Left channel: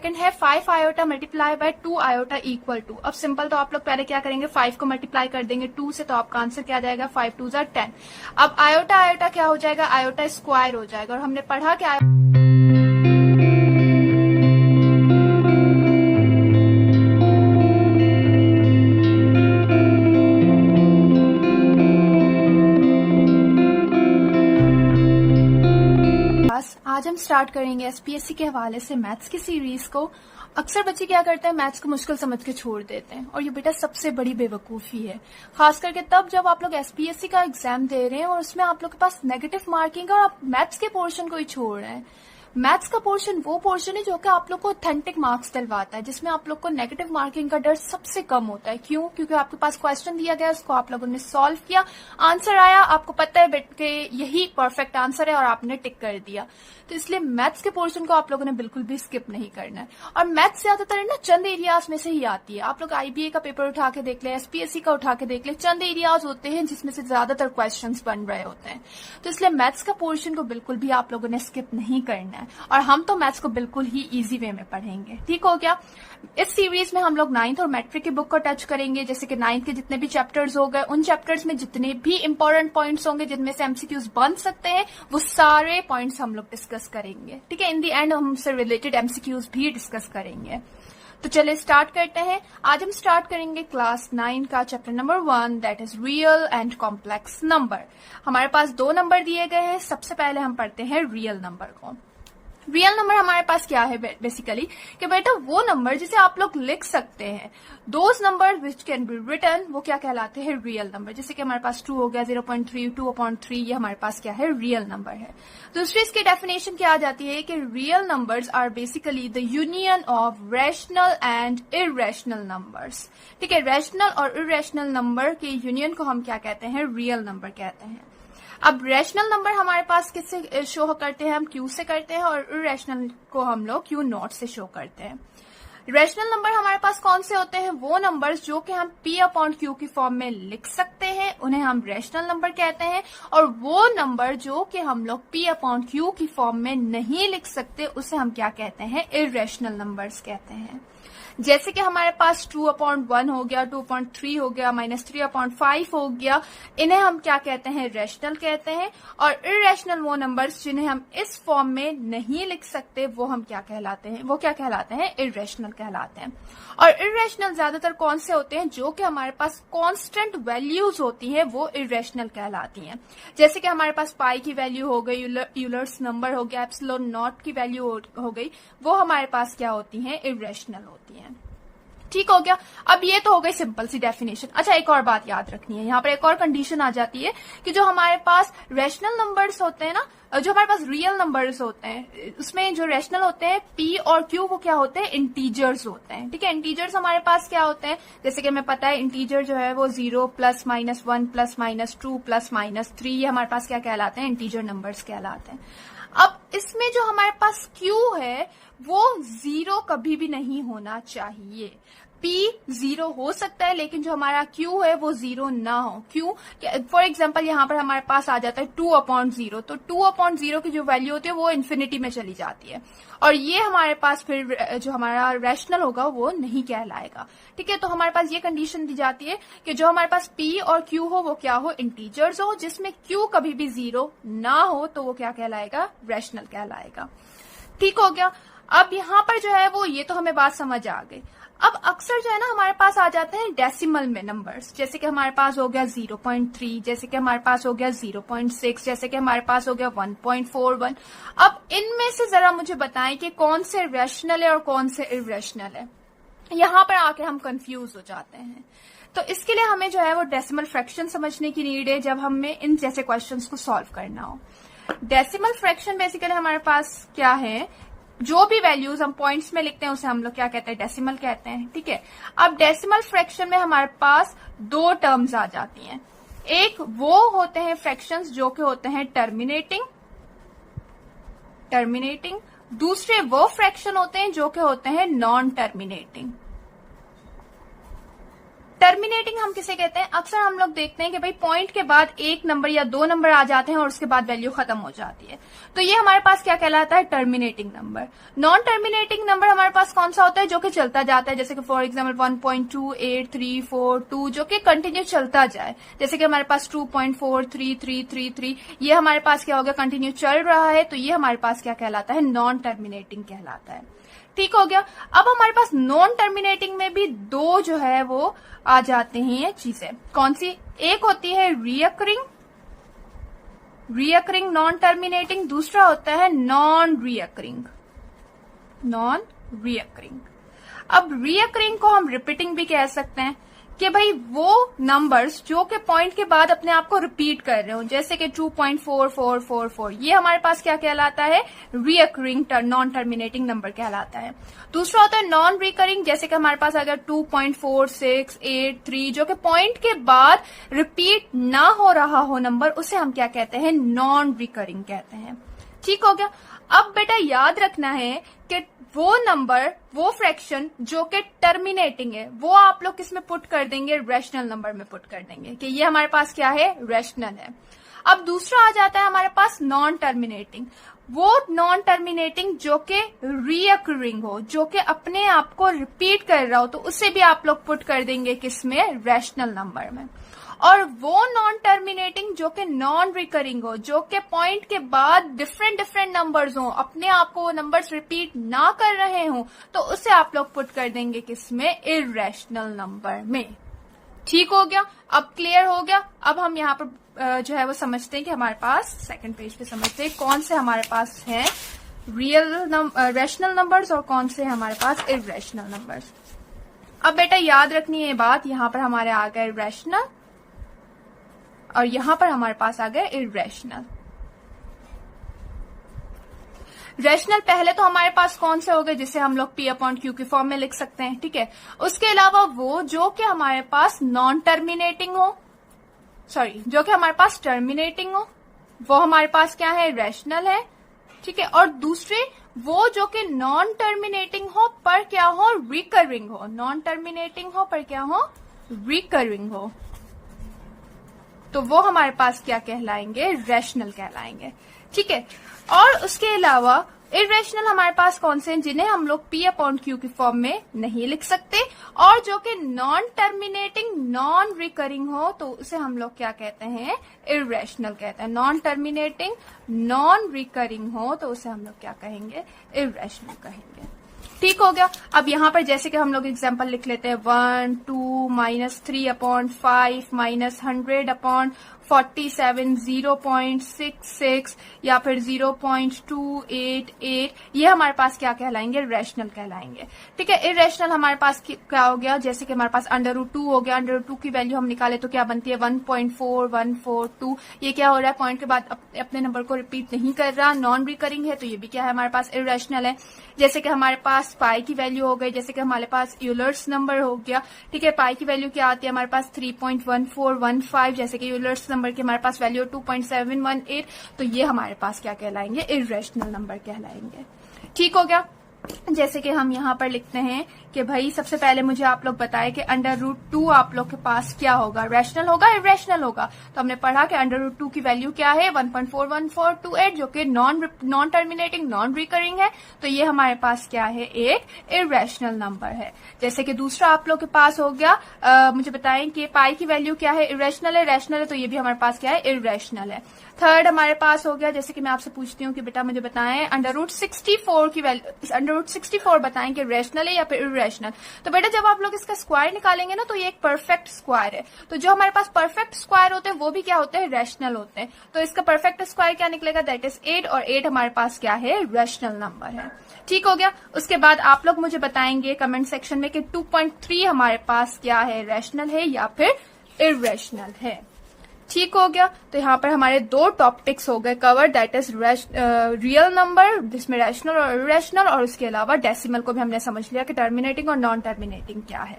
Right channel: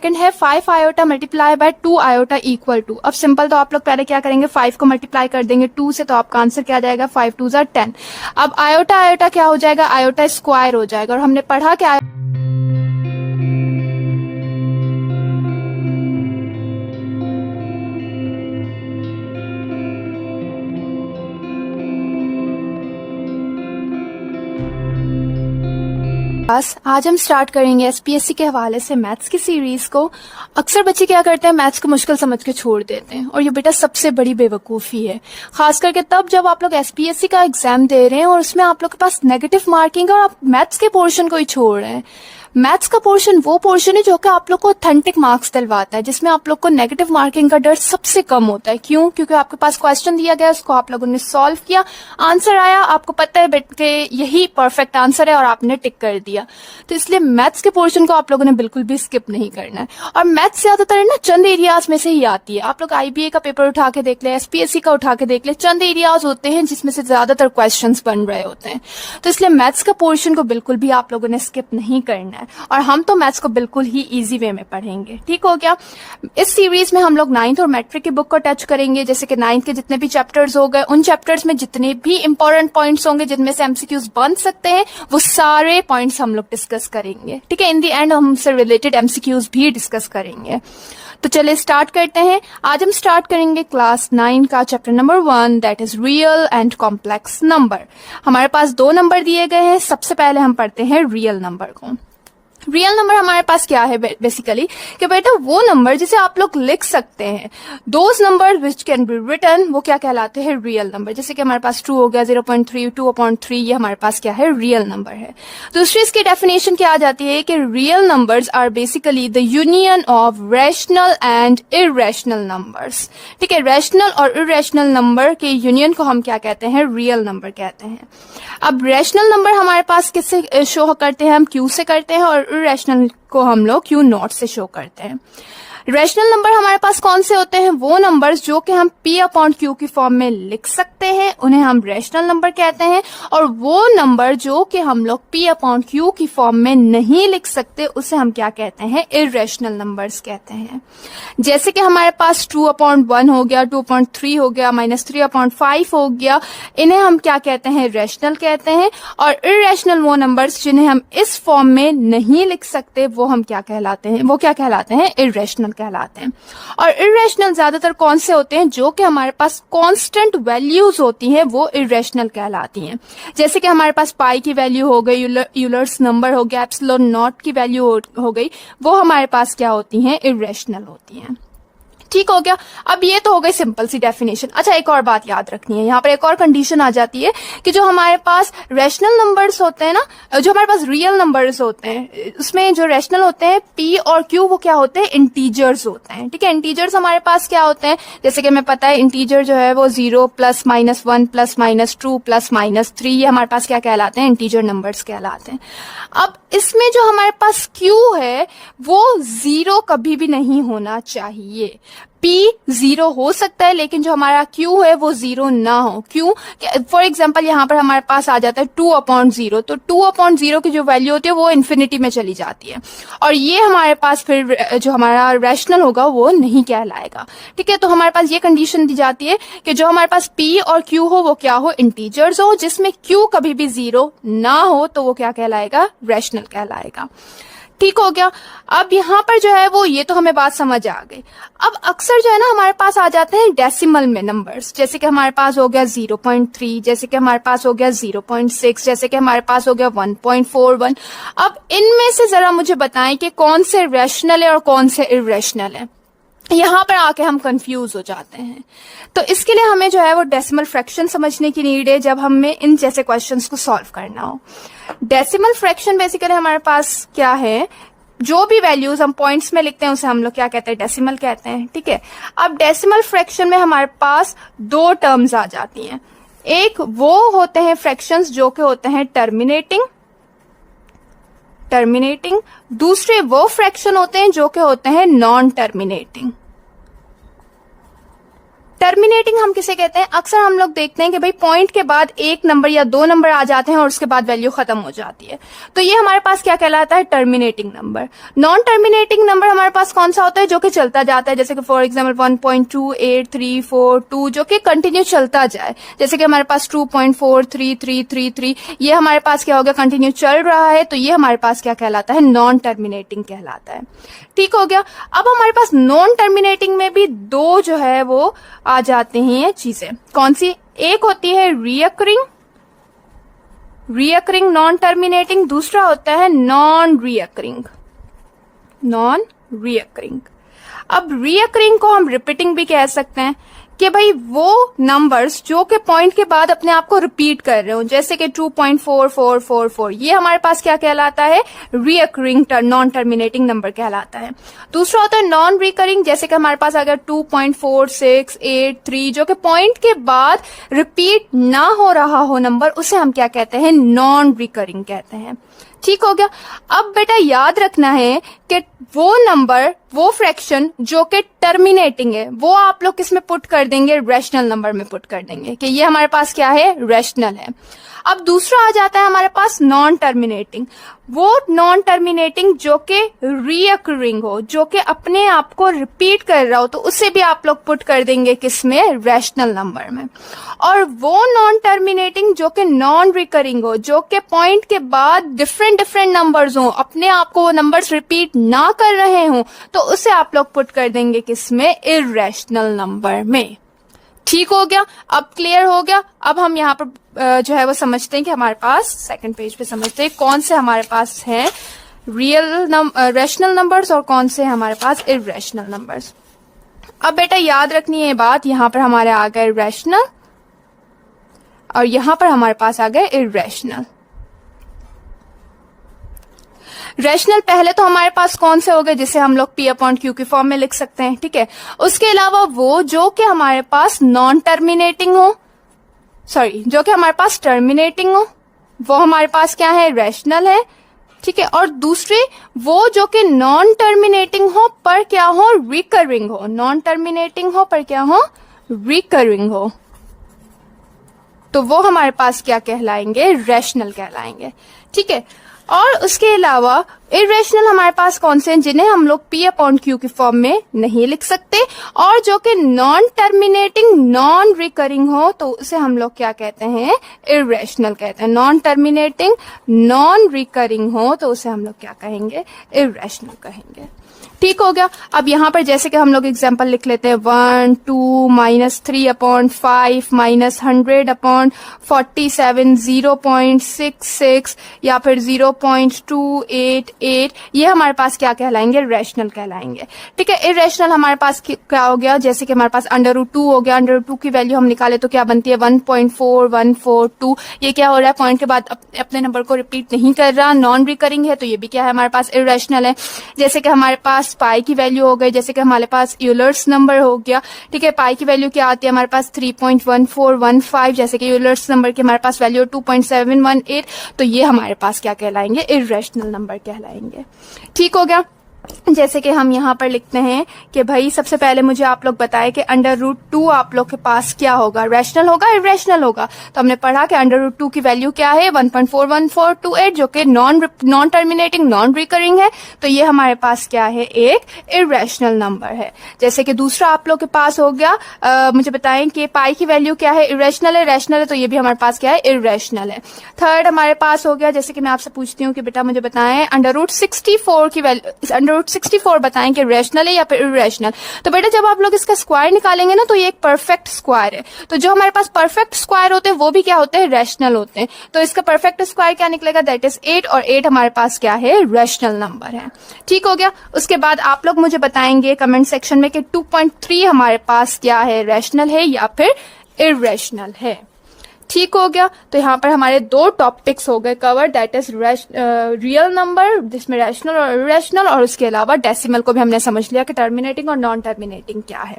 Second है 5 iota multiply by 2 iota equal to. अब simple तो आप लोग पहले क्या करेंगे, 5 को मल्टीप्लाई कर देंगे 2 से, तो आपका आंसर क्या आ जाएगा, 5 2 ज़ा 10। अब आयोटा आयोटा क्या हो जाएगा, आयोटा स्क्वायर हो जाएगा। और हमने पढ़ा कि आज हम स्टार्ट करेंगे एसपीएससी के हवाले से मैथ्स की सीरीज को। अक्सर बच्चे क्या करते हैं, मैथ्स को मुश्किल समझ के छोड़ देते हैं, और ये बेटा सबसे बड़ी बेवकूफ़ी है। खास करके तब जब आप लोग एसपीएससी का एग्जाम दे रहे हैं और उसमें आप लोग के पास नेगेटिव मार्किंग और आप मैथ्स के पोर्शन को ही छोड़ रहे हैं। मैथ्स का पोर्शन वो पोर्शन है जो कि आप लोग को ऑथेंटिक मार्क्स दिलवाता है, जिसमें आप लोग को नेगेटिव मार्किंग का डर सबसे कम होता है। क्यों? क्योंकि आपके पास क्वेश्चन दिया गया, उसको आप लोगों ने सॉल्व किया, आंसर आया, आपको पता है बेट के यही परफेक्ट आंसर है और आपने टिक कर दिया। तो इसलिए मैथ्स के पोर्शन को आप लोगों ने बिल्कुल भी स्किप नहीं करना है। और मैथ्स ज्यादातर ना चंद एरियाज में से ही आती है। आप लोग आईबीए का पेपर उठा के देख ले, एसपीएससी का उठा के देख ले, चंद एरियाज होते हैं जिसमें से ज्यादातर क्वेश्चन बन रहे होते हैं। तो इसलिए मैथ्स का पोर्शन को बिल्कुल भी आप लोगों ने स्किप नहीं करना है, और हम तो मैथ्स को बिल्कुल ही इजी वे में पढ़ेंगे। ठीक हो गया? इस सीरीज में हम लोग 9th और मैट्रिक की बुक को टच करेंगे। जैसे कि 9th के जितने भी चैप्टर्स हो गए, उन चैप्टर्स में जितने भी इंपॉर्टेंट पॉइंट्स होंगे जिनमें से एमसीक्यूज बन सकते हैं, वो सारे पॉइंट्स हम लोग डिस्कस करेंगे। ठीक है? इन दी एंड हम उससे रिलेटेड एमसीक्यूज भी डिस्कस करेंगे। तो चलिए स्टार्ट करते हैं। आज हम स्टार्ट करेंगे क्लास 9 का chapter number 1, that is real and complex number. हमारे पास 2 नंबर दिए गए हैं। सबसे पहले हम पढ़ते हैं रियल नंबर को। रियल नंबर हमारे पास क्या है बेसिकली, कि बेटा वो नंबर जिसे आप लोग लिख सकते हैं, those number which can be written, वो क्या कहलाते हैं, रियल नंबर। जैसे कि हमारे पास 2 हो गया, 0.3, 2/3, ये हमारे पास क्या है, रियल नंबर है। दूसरी इसकी डेफिनेशन क्या आ जाती है कि real numbers are basically the union of rational and irrational numbers. ठीक है? रैशनल और इरेशनल नंबर के यूनियन को हम क्या कहते हैं, रियल नंबर कहते हैं। अब रैशनल नंबर हमारे पास किससे शो करते हैं, हम क्यू से करते हैं, और इरेशनल को हम लोग क्यू नॉट से शो करते हैं। रैशनल नंबर हमारे पास कौन से होते हैं, वो नंबर्स जो कि हम p/q की फॉर्म में लिख सकते हैं, उन्हें हम रैशनल नंबर कहते हैं। और वो नंबर जो कि हम लोग p/q की फॉर्म में नहीं लिख सकते, उसे हम क्या कहते हैं, इरेशनल नंबर्स कहते हैं। जैसे कि हमारे पास 2/1 हो गया, 2/3 हो गया, -3/5 हो गया, इन्हें हम क्या कहते हैं, रैशनल कहते हैं। और इरेशनल वो नंबर्स जिन्हें हम इस फॉर्म में नहीं लिख सकते, वो हम क्या कहलाते हैं, वो क्या कहलाते हैं, इरेशनल कहलाते हैं। और इरेशनल ज्यादातर कौन से होते हैं, जो कि हमारे पास कांस्टेंट वैल्यूज होती हैं, वो इरेशनल कहलाती हैं। जैसे कि हमारे पास पाई की वैल्यू हो गई, यूलर्स नंबर हो गया, एप्सिलॉन नॉट की वैल्यू हो गई, वो हमारे पास क्या होती हैं, इरेशनल होती हैं। ठीक हो गया? अब ये तो हो गई सिंपल सी डेफिनेशन। अच्छा, एक और बात याद रखनी है, यहाँ पर एक और कंडीशन आ जाती है कि जो हमारे पास रैशनल नंबर्स होते हैं ना, जो हमारे पास रियल नंबर्स होते हैं, उसमें जो रैशनल होते हैं p और q, वो क्या होते हैं, इंटीजर्स होते हैं। ठीक है? इंटीजर्स हमारे पास क्या होते हैं, जैसे कि हमें पता है इंटीजर जो है वो 0 +, -1 +, -2 + -3, ये हमारे पास क्या कहलाते हैं, इंटीजर नंबर्स कहलाते हैं। अब इसमें जो हमारे पास q है वो 0 कभी भी नहीं होना चाहिए। p 0 हो सकता है, लेकिन जो हमारा q है वो 0 ना हो। क्यों? फॉर एग्जाम्पल यहाँ पर हमारे पास आ जाता है 2/0, तो 2/0 की जो वैल्यू होती है वो इन्फिनिटी में चली जाती है, और ये हमारे पास फिर जो हमारा रैशनल होगा वो नहीं कहलाएगा। ठीक है? तो हमारे पास ये कंडीशन दी जाती है कि जो हमारे पास p और q हो वो क्या हो, इंटीजर्स हो, जिसमें q कभी भी 0 ना हो, तो वो क्या कहलाएगा, रैशनल कहलाएगा। ठीक हो गया? अब यहाँ पर जो है वो, ये तो हमें बात समझ आ गई। अब अक्सर जो है ना हमारे पास आ जाते हैं डेसिमल में नंबर्स, जैसे कि हमारे पास हो गया 0.3, जैसे कि हमारे पास हो गया 0.6, जैसे कि हमारे पास हो गया 1.41। अब इनमें से जरा मुझे बताएं कि कौन से रैशनल है और कौन से इरेशनल है। यहाँ पर आके हम कंफ्यूज हो जाते हैं। तो इसके लिए हमें जो है वो डेसिमल फ्रैक्शन समझने की नीड है जब हमें इन जैसे क्वेश्चंस को सॉल्व करना हो। डेसिमल फ्रैक्शन बेसिकली हमारे पास क्या है, जो भी वैल्यूज हम पॉइंट्स में लिखते हैं उसे हम लोग क्या कहते हैं, डेसिमल कहते हैं। ठीक है? अब डेसिमल फ्रैक्शन में हमारे पास 2 टर्म्स आ जाती हैं। एक वो होते हैं फ्रैक्शंस जो कि होते हैं टर्मिनेटिंग, दूसरे वो फ्रैक्शन होते हैं जो कि होते हैं नॉन टर्मिनेटिंग। टर्मिनेटिंग हम किसे कहते हैं? अक्सर हम लोग देखते हैं कि भाई पॉइंट के बाद एक नंबर या दो नंबर आ जाते हैं और उसके बाद वैल्यू खत्म हो जाती है, तो ये हमारे पास क्या कहलाता है? Terminating number. Non terminating number हमारे पास कौन सा होता है? जो कि चलता जाता है, जैसे कि फॉर एग्जाम्पल 1.28342 जो कि कंटिन्यू चलता जाए, जैसे कि हमारे पास 2.43333, ये हमारे पास क्या हो गया? कंटिन्यू चल रहा है, तो ये हमारे पास क्या कहलाता है? नॉन टर्मिनेटिंग कहलाता है। ठीक हो गया। अब हमारे पास नॉन टर्मिनेटिंग में भी दो जो है वो आ जाते हैं ये चीजें। कौन सी? एक होती है रियकरिंग नॉन टर्मिनेटिंग, दूसरा होता है नॉन रियकरिंग। अब रियकरिंग को हम रिपीटिंग भी कह सकते हैं कि भाई वो नंबर्स जो कि पॉइंट के बाद अपने आप को रिपीट कर रहे हो, जैसे कि 2.4444, ये हमारे पास क्या कहलाता है? रियकरिंग नॉन टर्मिनेटिंग नंबर कहलाता है। दूसरा होता है नॉन रिकरिंग, जैसे कि हमारे पास अगर 2.4683 जो कि पॉइंट के बाद रिपीट ना हो रहा हो नंबर, उसे हम क्या कहते हैं? नॉन रिकरिंग कहते हैं। ठीक हो गया। अब बेटा याद रखना है कि वो नंबर, वो फ्रैक्शन जो कि टर्मिनेटिंग है, वो आप लोग किस में पुट कर देंगे? रैशनल नंबर में पुट कर देंगे कि ये हमारे पास क्या है? रैशनल है। अब दूसरा आ जाता है हमारे पास नॉन टर्मिनेटिंग। वो नॉन टर्मिनेटिंग जो कि रीअकरिंग हो, जो कि अपने आप को रिपीट कर रहा हो, तो उसे भी आप लोग पुट कर देंगे किसमें? रैशनल नंबर में। और वो नॉन टर्मिनेटिंग जो कि नॉन रिकरिंग हो, जो कि पॉइंट के बाद डिफरेंट नंबर्स हो, अपने आप को वो नंबर्स रिपीट ना कर रहे हो, तो उसे आप लोग पुट कर देंगे किसमें? इररेशनल नंबर में। ठीक हो गया। अब क्लियर हो गया। अब हम यहाँ पर जो है वो समझते हैं कि हमारे पास सेकंड पेज पे समझते हैं कौन से हमारे पास है रैशनल नंबर्स और कौन से हमारे पास इररेशनल नंबर्स। अब बेटा याद रखनी है बात, यहाँ पर हमारे आ गए रैशनल और यहां पर हमारे पास आ गए इररेशनल। रैशनल पहले तो हमारे पास कौन से हो गए? जिसे हम लोग P/Q की फॉर्म में लिख सकते हैं। ठीक है। उसके अलावा वो जो कि हमारे पास नॉन टर्मिनेटिंग हो, जो कि हमारे पास टर्मिनेटिंग हो, वो हमारे पास क्या है? रैशनल है। ठीक है। और दूसरे वो जो कि नॉन टर्मिनेटिंग हो पर क्या हो? रिकरिंग हो। नॉन टर्मिनेटिंग हो पर क्या हो? रिकरिंग हो, तो वो हमारे पास क्या कहलाएंगे? रैशनल कहलाएंगे। ठीक है। और उसके अलावा इररेशनल हमारे पास कौन से हैं? जिन्हें हम लोग P/Q की फॉर्म में नहीं लिख सकते, और जो कि नॉन टर्मिनेटिंग नॉन रिकरिंग हो, तो उसे हम लोग क्या कहते हैं? इररेशनल कहते हैं। नॉन टर्मिनेटिंग नॉन रिकरिंग हो, तो उसे हम लोग क्या कहेंगे? इररेशनल कहेंगे। ठीक हो गया। अब यहाँ पर जैसे कि हम लोग एग्जाम्पल लिख लेते हैं 1, 2, -3/5 -100/47 0.66 या फिर 0.288, ये हमारे पास क्या कहलाएंगे? रैशनल कहलाएंगे। ठीक है। इररेशनल हमारे पास क्या हो गया? जैसे कि हमारे पास √2 हो गया। √2 की वैल्यू हम निकाले तो क्या बनती है? 1.4142। ये क्या हो रहा है? पॉइंट के बाद अपने नंबर को रिपीट नहीं कर रहा, नॉन रिकरिंग है, तो ये भी क्या है? हमारे पास इररेशनल है। जैसे कि हमारे पास पाई की वैल्यू हो गई, जैसे कि हमारे पास यूलर्स नंबर हो गया। ठीक है। पाई की वैल्यू क्या आती है हमारे पास? 3.1415, जैसे कि यूलर्स नंबर की हमारे पास वैल्यू 2.718, तो ये हमारे पास क्या कहलाएंगे? इररेशनल नंबर कहलाएंगे। ठीक हो गया। जैसे कि हम यहाँ पर लिखते हैं कि भाई सबसे पहले मुझे आप लोग बताएं कि √2 आप लोग के पास क्या होगा? रैशनल होगा, इररेशनल होगा? तो हमने पढ़ा कि √2 की वैल्यू क्या है? 1.41428, जो कि नॉन टर्मिनेटिंग नॉन रिकरिंग है, तो ये हमारे पास क्या है? एक इररेशनल नंबर है। जैसे कि दूसरा आप लोग के पास हो गया, मुझे बताएं कि पाई की वैल्यू क्या है? इररेशनल है, रैशनल है, तो ये भी हमारे पास क्या है? इररेशनल है। थर्ड हमारे पास हो गया, जैसे कि मैं आपसे पूछती हूँ कि बेटा मुझे बताएं √64 की वैल्यू, √64 बताएं कि रैशनल है या फिर इररेशनल। तो बेटा जब आप लोग इसका स्क्वायर निकालेंगे ना, तो ये एक परफेक्ट स्क्वायर है। तो जो हमारे पास परफेक्ट स्क्वायर होते हैं वो भी क्या होते हैं? रैशनल होते हैं। तो इसका परफेक्ट स्क्वायर क्या निकलेगा? दैट इज 8, और 8 हमारे पास क्या है? रैशनल नंबर है। ठीक हो गया। उसके बाद आप लोग मुझे बताएंगे कमेंट सेक्शन में कि 2.3 हमारे पास क्या है? रैशनल है या फिर इररेशनल है। ठीक हो गया। तो यहाँ पर हमारे दो टॉपिक्स हो गए cover, that is real number जिसमें रैशनल और इररेशनल, और उसके अलावा डेसिमल को भी हमने समझ लिया कि टर्मिनेटिंग और नॉन टर्मिनेटिंग क्या है।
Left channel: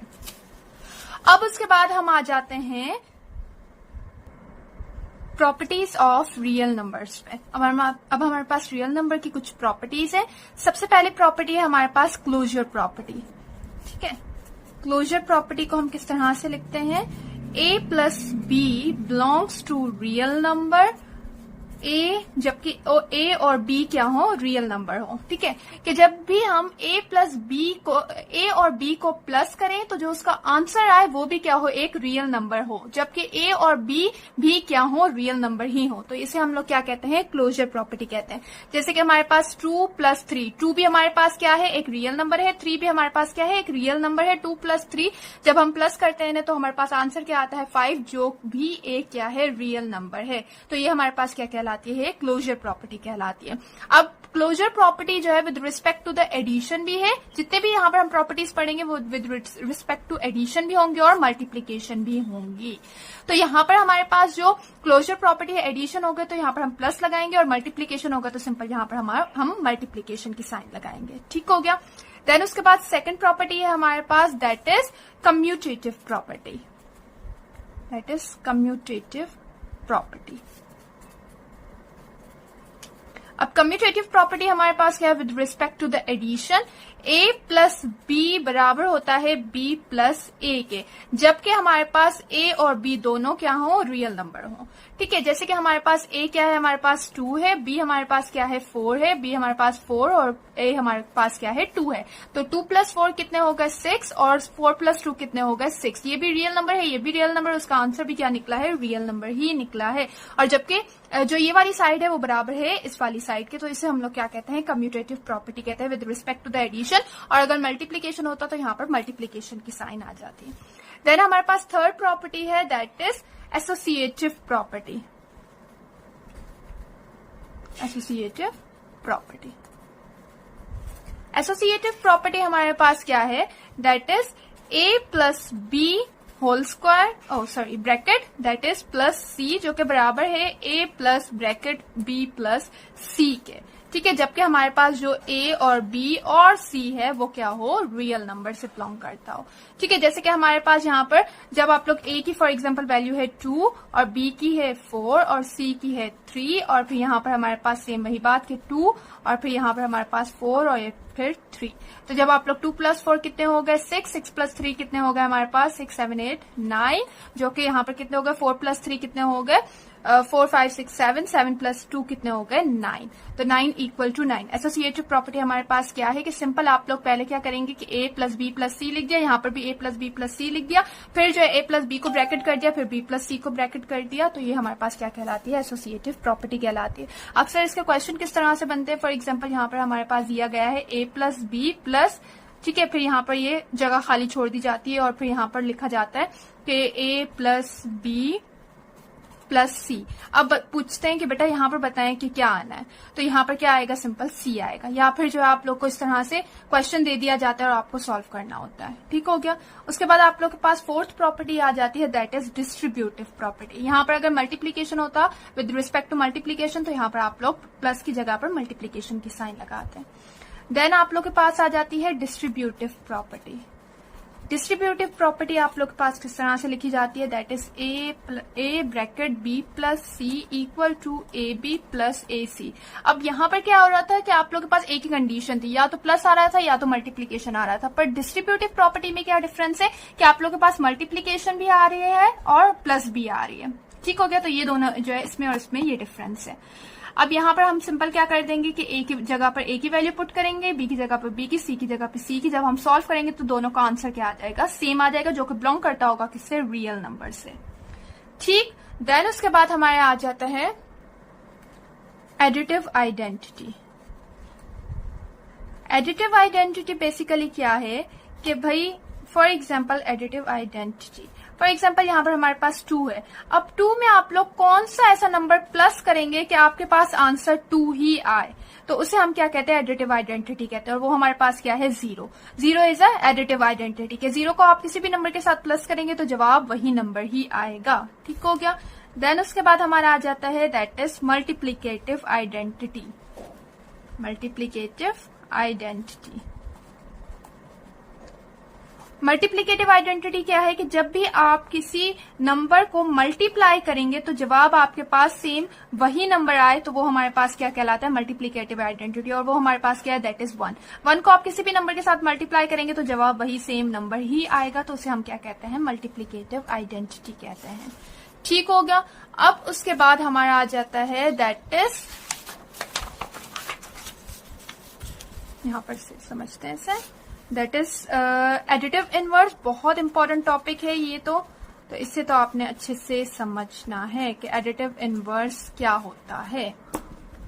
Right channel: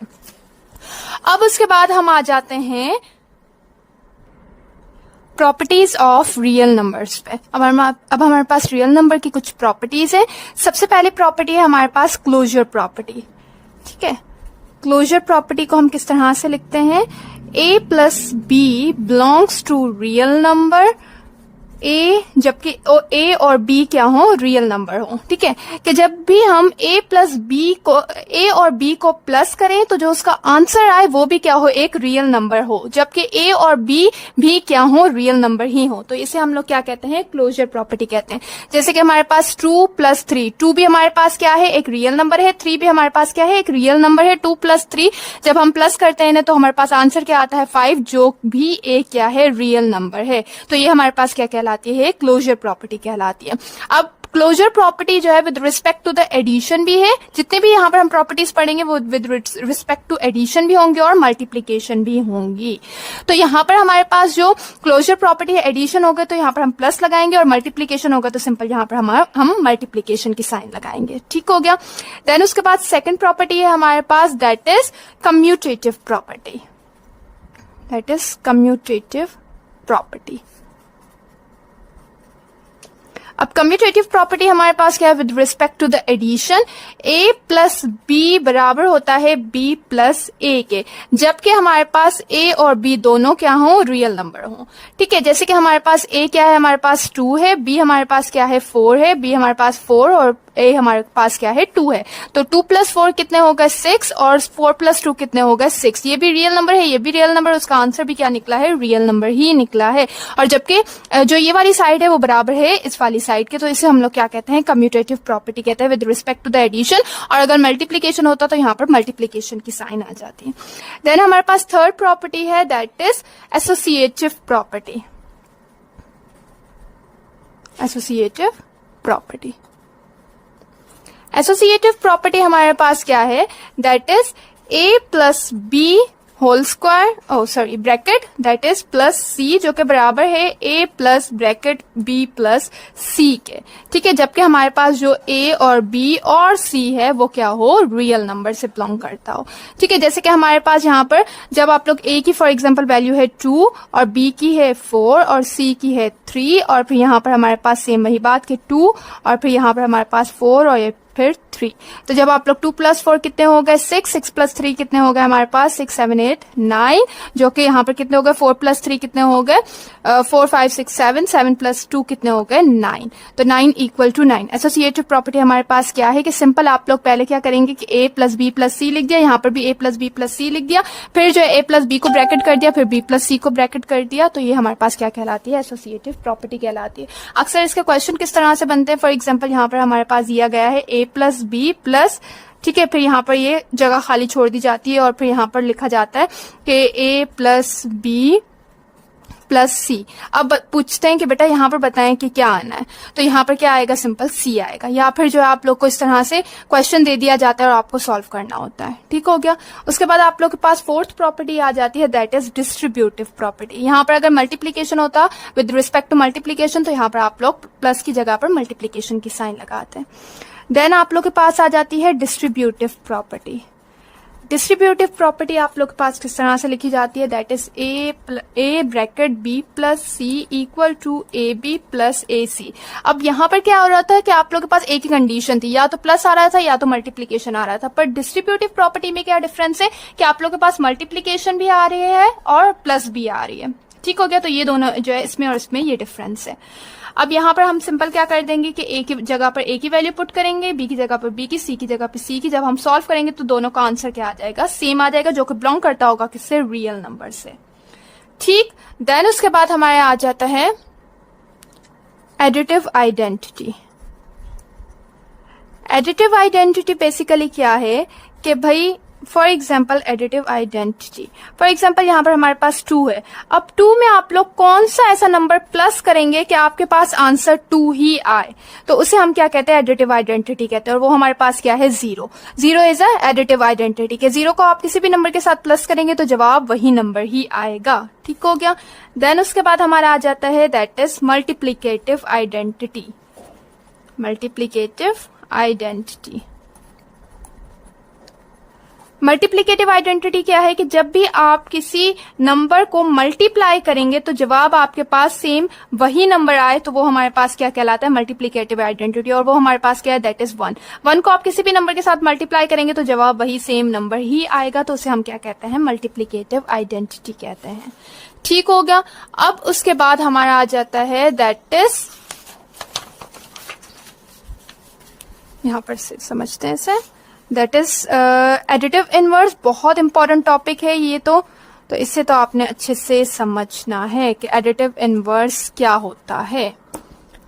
अब उसके बाद हम आ जाते हैं प्रॉपर्टीज ऑफ रियल नंबर्स पे। अब हमारे पास रियल नंबर की कुछ प्रॉपर्टीज है। सबसे पहली प्रॉपर्टी है हमारे पास क्लोजर प्रॉपर्टी। ठीक है। क्लोजर प्रॉपर्टी को हम किस तरह से लिखते हैं, a plus B belongs to real number, A जबकि ए और बी क्या हो, रियल नंबर हो। ठीक है, कि जब भी हम ए प्लस बी को, ए और बी को प्लस करें तो जो उसका आंसर आए वो भी क्या हो, एक रियल नंबर हो, जबकि ए और बी भी क्या हो, रियल नंबर ही हो। तो इसे हम लोग क्या कहते हैं, क्लोजर प्रॉपर्टी कहते हैं। जैसे कि हमारे पास 2 प्लस 3, 2 भी हमारे पास क्या है, एक रियल नंबर है, 3 भी हमारे पास क्या है, एक रियल नंबर है। 2 प्लस 3 जब हम प्लस करते हैं ना तो हमारे पास आंसर क्या आता है, 5, जो भी एक क्या है, रियल नंबर है। तो ये हमारे पास क्या कहलाती है, क्लोजर प्रॉपर्टी कहलाती है। अब क्लोजर प्रॉपर्टी जो है with respect to the addition भी है, जितने भी यहाँ पर हम प्रॉपर्टीज पढ़ेंगे वो विद रिस्पेक्ट टू एडिशन भी होंगे और मल्टीप्लीकेशन भी होंगी। तो यहाँ पर हमारे पास जो क्लोजर प्रॉपर्टी है, एडिशन होगा तो यहाँ पर हम प्लस लगाएंगे और मल्टीप्लीकेशन होगा तो सिंपल यहाँ पर हम मल्टीप्लीकेशन की साइन लगाएंगे। ठीक हो गया। देन उसके बाद सेकेंड प्रॉपर्टी है हमारे पास, that is commutative property, that is commutative property. अब कम्यूटेटिव प्रॉपर्टी हमारे पास क्या है, with respect to the addition, a plus B बराबर होता है b प्लस a के, जबकि हमारे पास a और b दोनों क्या हो, रियल नंबर हो। ठीक है, जैसे कि हमारे पास a क्या है, हमारे पास 2 है, b हमारे पास क्या है, 4 है, b हमारे पास 4 और a हमारे पास क्या है, 2 है। तो 2 प्लस 4 कितने होगा, 6, और 4 प्लस 2 कितने होगा, 6। ये भी रियल नंबर है, ये भी रियल नंबर, उसका आंसर भी क्या निकला है, रियल नंबर ही निकला है। और जबकि जो ये वाली साइड है वो बराबर है इस वाली साइड के, तो इसे हम लोग क्या कहते हैं, कम्यूटेटिव प्रॉपर्टी कहते हैं with respect to the addition. और अगर मल्टीप्लीकेशन होता तो यहाँ पर मल्टीप्लीकेशन की साइन आ जाती है। देन हमारे पास थर्ड प्रॉपर्टी है, that is associative property, associative property. Associative property हमारे पास क्या है, that is a plus B whole square, bracket, that is plus C, जो कि बराबर है a plus bracket b plus c के। ठीक है, जबकि हमारे पास जो a और b और c है वो क्या हो, रियल नंबर से बिलोंग करता हो। ठीक है, जैसे कि हमारे पास यहाँ पर जब आप लोग a की फॉर एग्जांपल वैल्यू है 2 और b की है 4 और c की है 3 और फिर यहाँ पर हमारे पास सेम वही बात कि 2 और फिर यहाँ पर हमारे पास 4 और फिर 3। तो जब आप लोग 2 प्लस 4 कितने हो गए, 6, 6 प्लस 3 कितने हो गए हमारे पास, 6, 7, 8, 9, जो कि यहाँ पर कितने हो गए, 4 प्लस 3 कितने हो गए, 4, 5, 6, 7, 7 प्लस 2 कितने हो गए, 9। तो 9 इक्वल टू 9। एसोसिएटिव प्रॉपर्टी हमारे पास क्या है कि सिंपल आप लोग पहले क्या करेंगे कि a प्लस बी प्लस सी लिख दिया, यहाँ पर भी a प्लस बी प्लस सी लिख दिया, फिर जो है a प्लस बी को ब्रैकेट कर दिया, फिर b प्लस सी को ब्रैकेट कर दिया। तो ये हमारे पास क्या कहलाती है, एसोसिएटिव प्रॉपर्टी कहलाती है। अक्सर इसके क्वेश्चन किस तरह से बनते हैं, फॉर एग्जाम्पल यहाँ पर हमारे पास दिया गया है a प्लस बी प्लस, ठीक है, फिर यहाँ पर ये जगह खाली छोड़ दी जाती है और फिर यहाँ पर लिखा जाता है कि a प्लस बी प्लस सी। अब पूछते हैं कि बेटा यहाँ पर बताएं कि क्या आना है, तो यहाँ पर क्या आएगा, सिंपल सी आएगा, या फिर जो है आप लोग को इस तरह से क्वेश्चन दे दिया जाता है और आपको सॉल्व करना होता है। ठीक हो गया। उसके बाद आप लोग के पास फोर्थ प्रॉपर्टी आ जाती है, दैट इज डिस्ट्रीब्यूटिव प्रॉपर्टी। यहाँ पर अगर मल्टीप्लीकेशन होता विद रिस्पेक्ट टू मल्टीप्लीकेशन तो यहाँ पर आप लोग प्लस की जगह पर मल्टीप्लीकेशन की साइन लगाते हैं। देन आप लोग के पास आ जाती है डिस्ट्रीब्यूटिव प्रॉपर्टी। डिस्ट्रीब्यूटिव प्रॉपर्टी आप लोग के पास किस तरह से लिखी जाती है, that is a bracket b plus C equal to A B plus A C. अब यहाँ पर क्या हो रहा था कि आप लोग के पास एक ही कंडीशन थी, या तो प्लस आ रहा था या तो मल्टीप्लीकेशन आ रहा था, पर डिस्ट्रीब्यूटिव प्रॉपर्टी में क्या डिफरेंस है कि आप लोग के पास मल्टीप्लीकेशन भी आ रही है और प्लस भी आ रही है। ठीक हो गया। तो ये दोनों जो है इसमें और इसमें ये डिफरेंस है। अब यहाँ पर हम सिंपल क्या कर देंगे कि a की जगह पर a की वैल्यू पुट करेंगे, b की जगह पर b की, c की जगह पर c की। जब हम सॉल्व करेंगे तो दोनों का आंसर क्या आ जाएगा, सेम आ जाएगा, जो कि बिलोंग करता होगा किससे, रियल नंबर से। ठीक। देन उसके बाद हमारे आ जाता है additive identity. Additive identity basically क्या है कि भाई for example additive identity, for example यहाँ पर हमारे पास 2 है। अब 2 में आप लोग कौन सा ऐसा नंबर प्लस करेंगे कि आपके पास आंसर 2 ही आए, तो उसे हम क्या कहते हैं, एडिटिव आइडेंटिटी कहते हैं। और वो हमारे पास क्या है, 0। 0 इज अ एडिटिव आइडेंटिटी के 0 को आप किसी भी नंबर के साथ प्लस करेंगे तो जवाब वही नंबर ही आएगा। ठीक हो गया। देन उसके बाद हमारा आ जाता है that is multiplicative identity. Multiplicative identity multiplicative identity क्या है कि जब भी आप किसी नंबर को मल्टीप्लाई करेंगे तो जवाब आपके पास सेम वही नंबर आए तो वो हमारे पास क्या कहलाता है, मल्टीप्लिकेटिव आइडेंटिटी। और वो हमारे पास क्या है, दैट इज 1। 1 को आप किसी भी नंबर के साथ मल्टीप्लाई करेंगे तो जवाब वही सेम नंबर ही आएगा, तो उसे हम क्या कहते हैं, मल्टीप्लिकेटिव आइडेंटिटी कहते हैं। ठीक हो गया। अब उसके बाद हमारा आ जाता है दैट इज, यहां पर से समझते हैं इसे, दैट इज एडिटिव इनवर्स। बहुत इंपॉर्टेंट टॉपिक है ये तो इससे तो आपने अच्छे से समझना है कि एडिटिव इनवर्स क्या होता है।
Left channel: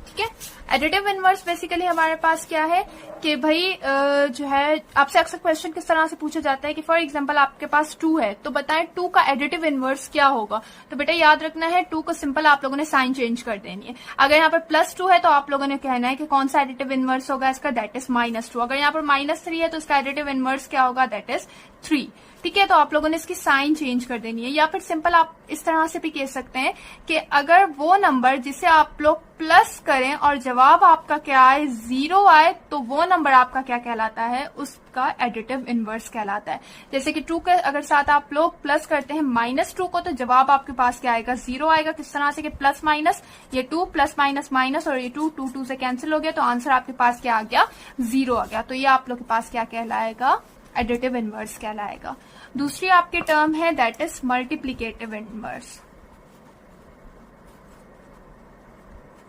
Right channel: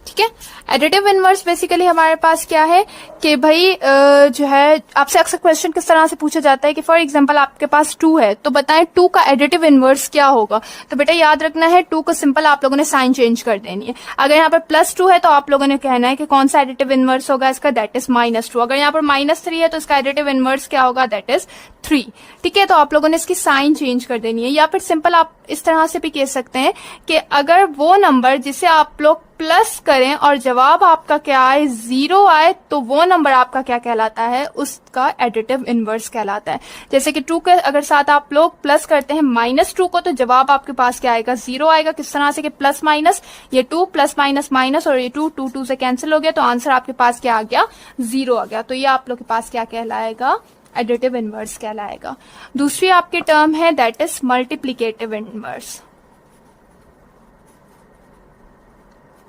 ठीक है, एडिटिव इनवर्स बेसिकली हमारे पास क्या है कि भाई जो है आपसे अक्सर क्वेश्चन किस तरह से पूछा जाता है कि फॉर एग्जांपल आपके पास 2 है तो बताएं 2 का एडिटिव इनवर्स क्या होगा। तो बेटा याद रखना है 2 को सिंपल आप लोगों ने साइन चेंज कर देनी है। अगर यहाँ पर +2 है तो आप लोगों ने कहना है कि कौन सा एडिटिव इनवर्स होगा इसका, दैट इज -2। अगर यहाँ पर -3 है तो इसका एडिटिव इनवर्स क्या होगा, दैट इज 3। ठीक है, तो आप लोगों ने इसकी साइन चेंज कर देनी है। या फिर सिंपल आप इस तरह से भी कह सकते हैं कि अगर वो नंबर जिसे आप लोग प्लस करें और जवाब आपका क्या आए, 0 आए, तो वो नंबर आपका क्या कहलाता है, उसका एडिटिव इनवर्स कहलाता है। जैसे कि 2 के अगर साथ आप लोग प्लस करते हैं -2 को तो जवाब आपके पास क्या आएगा, 0 आएगा। किस तरह से कि प्लस माइनस, ये 2 प्लस माइनस माइनस और ये 2 से कैंसिल हो गया तो आंसर आपके पास क्या आ गया, 0 आ गया। तो ये आप लोग के पास क्या कहलाएगा, एडिटिव इनवर्स कहलाएगा। दूसरी आपकी टर्म है that is multiplicative inverse.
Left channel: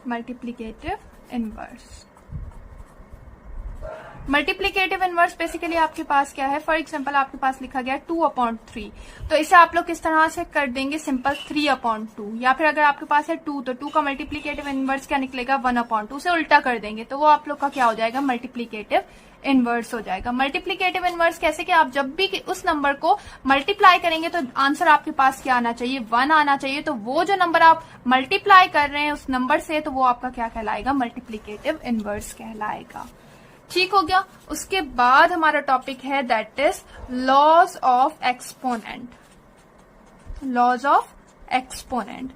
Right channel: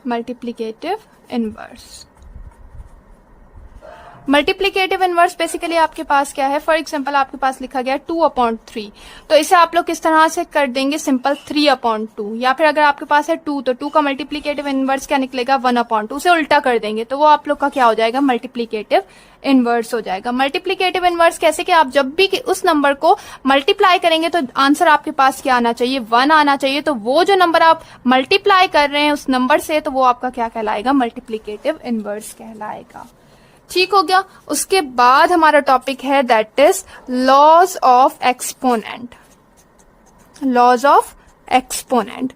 Multiplicative inverse, multiplicative inverse basically आपके पास क्या है, फॉर एग्जांपल आपके पास लिखा गया 2/3, तो इसे आप लोग किस तरह से कर देंगे, सिंपल 3/2। या फिर अगर आपके पास है 2 तो 2 का मल्टीप्लिकेटिव इनवर्स क्या निकलेगा, 1/2। उसे उल्टा कर देंगे तो वो आप लोग का क्या हो जाएगा, मल्टीप्लिकेटिव इनवर्स हो जाएगा। मल्टीप्लिकेटिव इनवर्स कैसे कि आप जब भी उस नंबर को मल्टीप्लाई करेंगे तो आंसर आपके पास क्या आना चाहिए, 1 आना चाहिए। तो वो जो नंबर आप मल्टीप्लाई कर रहे हैं उस नंबर से, तो वो आपका क्या कहलाएगा, मल्टीप्लिकेटिव इनवर्स कहलाएगा। ठीक हो गया। उसके बाद हमारा टॉपिक है that is laws of exponent. Laws of exponent.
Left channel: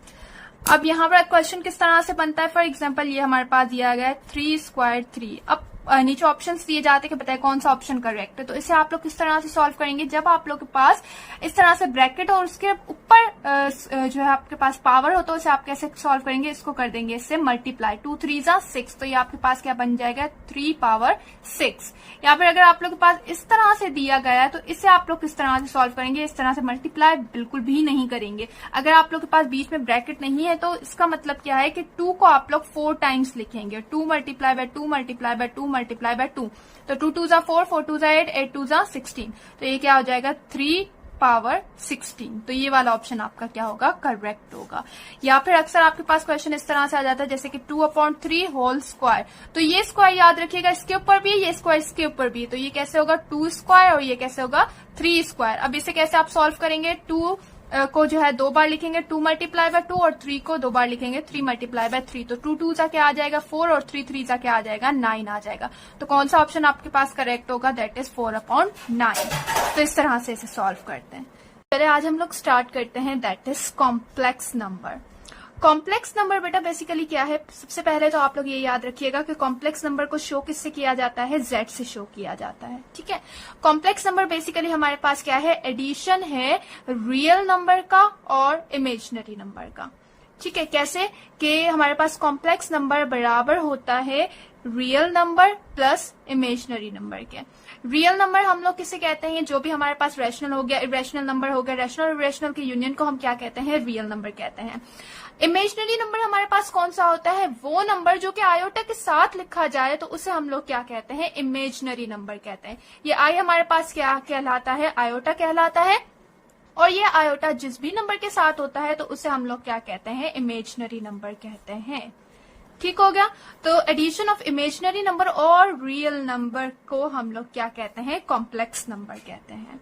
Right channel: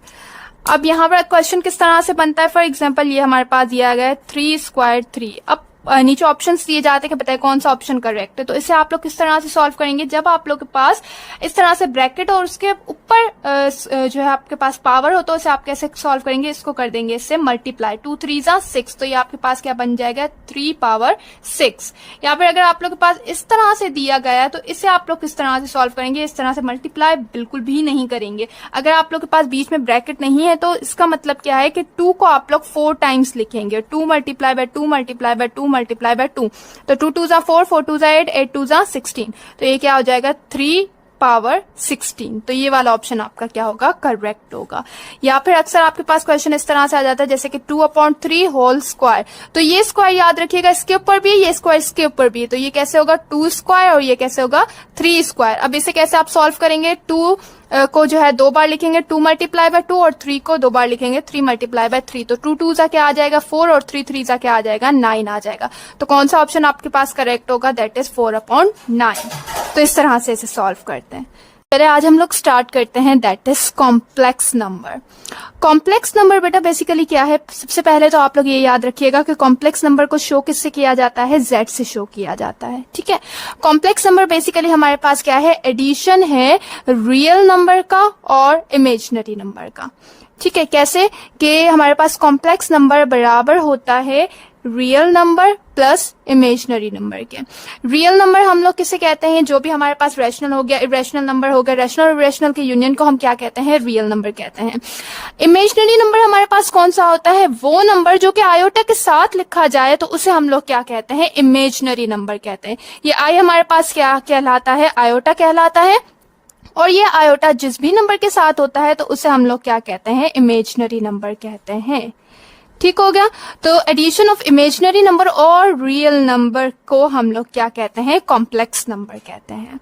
अब यहाँ पर क्वेश्चन किस तरह से बनता है, फॉर एग्जांपल ये हमारे पास दिया गया है 3² 3। अब नीचे ऑप्शंस दिए जाते हैं कि बताए कौन सा ऑप्शन करेक्ट है। तो इसे आप लोग किस तरह से सॉल्व करेंगे, जब आप लोग के पास इस तरह से ब्रैकेट और उसके ऊपर जो है आपके पास पावर हो तो इसे आप कैसे सॉल्व करेंगे, इसको कर देंगे इससे मल्टीप्लाई। 2 3 6, तो ये आपके पास क्या बन जाएगा, 3/6। या फिर अगर आप लोग के पास इस तरह से दिया गया है तो इसे आप लोग किस तरह से सॉल्व करेंगे, इस तरह से मल्टीप्लाई बिल्कुल भी नहीं करेंगे। अगर आप लोग के पास बीच में ब्रैकेट नहीं है तो इसका मतलब क्या है कि 2 को आप लोग 4 टाइम्स लिखेंगे, 2 multiply by 2 multiply by 2 multiply by 2। तो 2 2 4, 4 2 8, 8 2 16। तो ये क्या हो जाएगा, 3/16। तो ये वाला ऑप्शन आपका क्या होगा, करेक्ट होगा। या फिर अक्सर आपके पास क्वेश्चन इस तरह से आ जाता है जैसे कि 2/3 होल स्क्वायर। तो ये स्क्वायर याद रखिएगा, इसके ऊपर भी ये स्क्वायर इसके ऊपर भी, तो ये कैसे होगा, 2 स्क्वायर और ये कैसे होगा, 3 स्क्वायर। अब इसे कैसे आप सॉल्व करेंगे, 2 को जो है 2 बार लिखेंगे, 2 मल्टीप्लाई बाय 2, और 3 को 2 बार लिखेंगे, 3 मल्टीप्लाई बाय 3। तो 2 2 सा क्या आ जाएगा, 4, और 3 3 सा क्या आ जाएगा, 9 आ जाएगा। तो कौन सा ऑप्शन आपके पास करेक्ट होगा, दैट इज 4/9। तो इस तरह से इसे सॉल्व करते हैं। चलिए आज हम लोग स्टार्ट करते हैं that is complex number. Complex number बेटा बेसिकली क्या है, सबसे पहले तो आप लोग ये याद रखिएगा कि कॉम्प्लेक्स नंबर को शो किससे किया जाता है, z से शो किया जाता है। ठीक है, कॉम्प्लेक्स नंबर बेसिकली हमारे पास क्या है, एडिशन है रियल नंबर का और इमेजिनरी नंबर का। ठीक है, कैसे कि हमारे पास कॉम्प्लेक्स नंबर बराबर होता है real number plus imaginary number के। रियल नंबर हम लोग किसे कहते हैं, जो भी हमारे पास रैशनल हो गया, इरेशनल नंबर हो गया, रैशनल और इरेशनल के यूनियन को हम क्या कहते हैं, रियल नंबर कहते हैं। इमेजिनरी नंबर हमारे पास कौन सा होता है, वो नंबर जो कि आयोटा के साथ लिखा जाए तो उसे हम लोग क्या कहते हैं, इमेजिनरी नंबर कहते हैं। ये आई हमारे पास क्या कहलाता है, आयोटा कहलाता है। और ये आयोटा जिस भी नंबर के साथ होता है तो उसे हम लोग क्या कहते हैं, इमेजिनरी नंबर कहते हैं। ठीक हो गया। तो एडिशन ऑफ इमेजिनरी नंबर और रियल नंबर को हम लोग क्या कहते हैं, कॉम्प्लेक्स नंबर कहते हैं।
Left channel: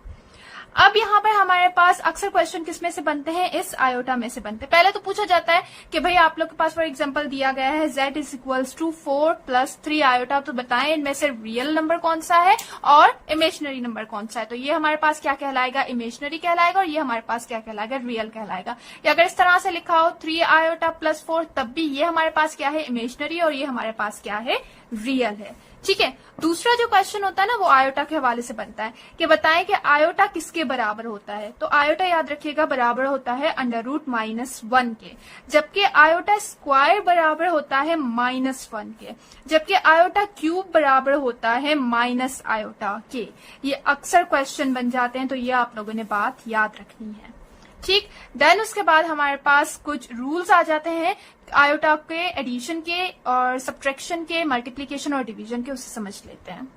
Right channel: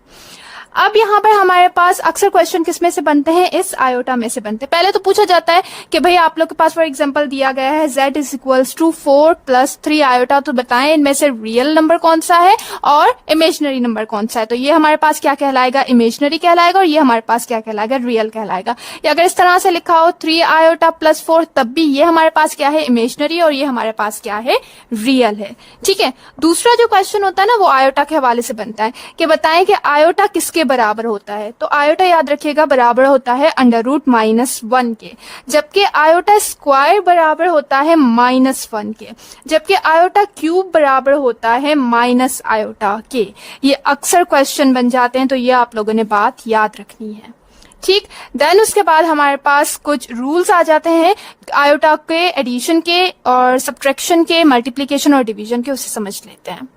अब यहाँ पर हमारे पास अक्सर क्वेश्चन किसमें से बनते हैं, इस आयोटा में से बनते हैं। पहले तो पूछा जाता है कि भाई आप लोग के पास फॉर एग्जांपल दिया गया है z is equals to 4 + 3 iota, तो बताएं इनमें से रियल नंबर कौन सा है और इमेजिनरी नंबर कौन सा है। तो ये हमारे पास क्या कहलाएगा, इमेजिनरी कहलाएगा, और ये हमारे पास क्या कहलाएगा, रियल कहलाएगा। या अगर इस तरह से लिखा हो 3 आयोटा + 4, तब भी ये हमारे पास क्या है, इमेजिनरी, और ये हमारे पास क्या है, रियल है। ठीक है, दूसरा जो क्वेश्चन होता है ना वो आयोटा के हवाले से बनता है कि बताएं कि आयोटा किसके बराबर होता है। तो आयोटा याद रखिएगा बराबर होता है √-1 के, जबकि आयोटा स्क्वायर बराबर होता है -1 के, जबकि आयोटा क्यूब बराबर होता है माइनस आयोटा के। ये अक्सर क्वेश्चन बन जाते हैं, तो ये आप लोगों ने बात याद रखनी है। ठीक, देन उसके बाद हमारे पास कुछ रूल्स आ जाते हैं आयोटा के, एडिशन के और सब्ट्रैक्शन के, मल्टीप्लिकेशन और डिवीजन के, उसे समझ लेते हैं।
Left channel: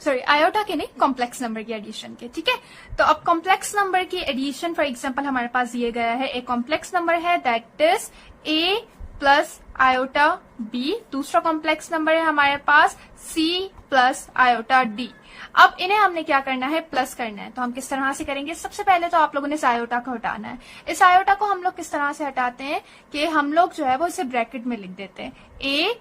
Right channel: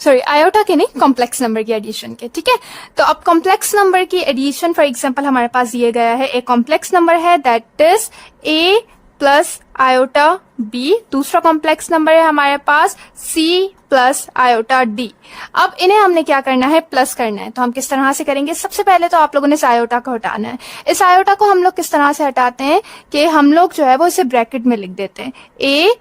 सॉरी, आयोटा के नहीं, कॉम्प्लेक्स नंबर की एडिशन के। ठीक है, तो अब कॉम्प्लेक्स नंबर की एडिशन फॉर एग्जांपल हमारे पास दिए गया है, एक कॉम्प्लेक्स नंबर है that is a + iota b, दूसरा कॉम्प्लेक्स नंबर है हमारे पास c + आयोटा d। अब इन्हें हमने क्या करना है, प्लस करना है। तो हम किस तरह से करेंगे, सबसे पहले तो आप लोगों ने इस आयोटा को हटाना है। इस आयोटा को हम लोग किस तरह से हटाते हैं कि हम लोग जो है वो इसे ब्रैकेट में लिख देते हैं, a,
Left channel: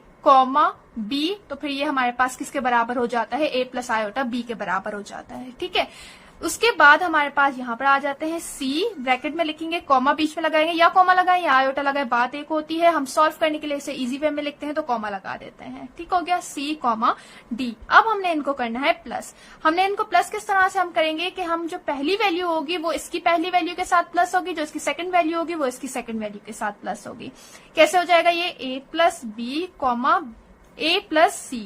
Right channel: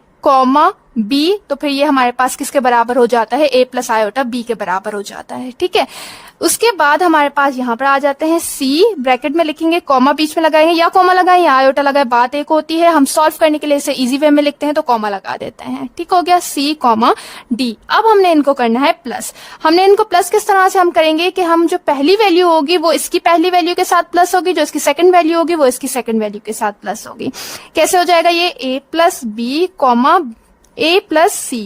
b, तो फिर ये हमारे पास किसके बराबर हो जाता है, a + आयोटा b के बराबर हो जाता है। ठीक है, उसके बाद हमारे पास यहाँ पर आ जाते हैं c, ब्रैकेट में लिखेंगे, कॉमा बीच में लगाएंगे, या कॉमा लगाएं या आयोटा लगाए, बात एक होती है। हम सॉल्व करने के लिए इसे इजी वे में लिखते हैं तो कॉमा लगा देते हैं। ठीक हो गया, c, d। अब हमने इनको करना है प्लस। हमने इनको प्लस किस तरह से हम करेंगे कि हम जो पहली वैल्यू होगी वो इसकी पहली वैल्यू के साथ प्लस होगी, जो इसकी सेकंड वैल्यू होगी वो इसकी सेकंड वैल्यू के साथ प्लस होगी। कैसे हो जाएगा ये, a + b, a + c,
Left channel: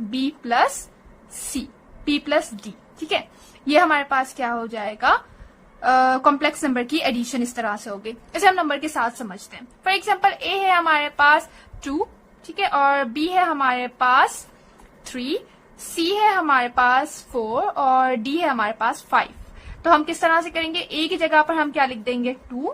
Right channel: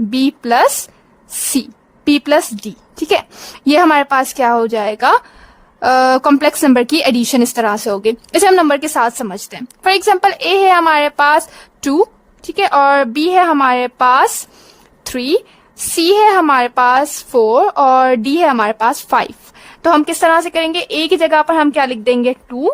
b + c, p + d। ठीक है, ये हमारे पास क्या हो जाएगा, कॉम्प्लेक्स नंबर की एडिशन इस तरह से होगी। इसे हम नंबर के साथ समझते हैं। फॉर एग्जांपल a है हमारे पास 2, ठीक है, और b है हमारे पास 3, c है हमारे पास 4 और d है हमारे पास 5। तो हम किस तरह से करेंगे, a की जगह पर हम क्या लिख देंगे 2,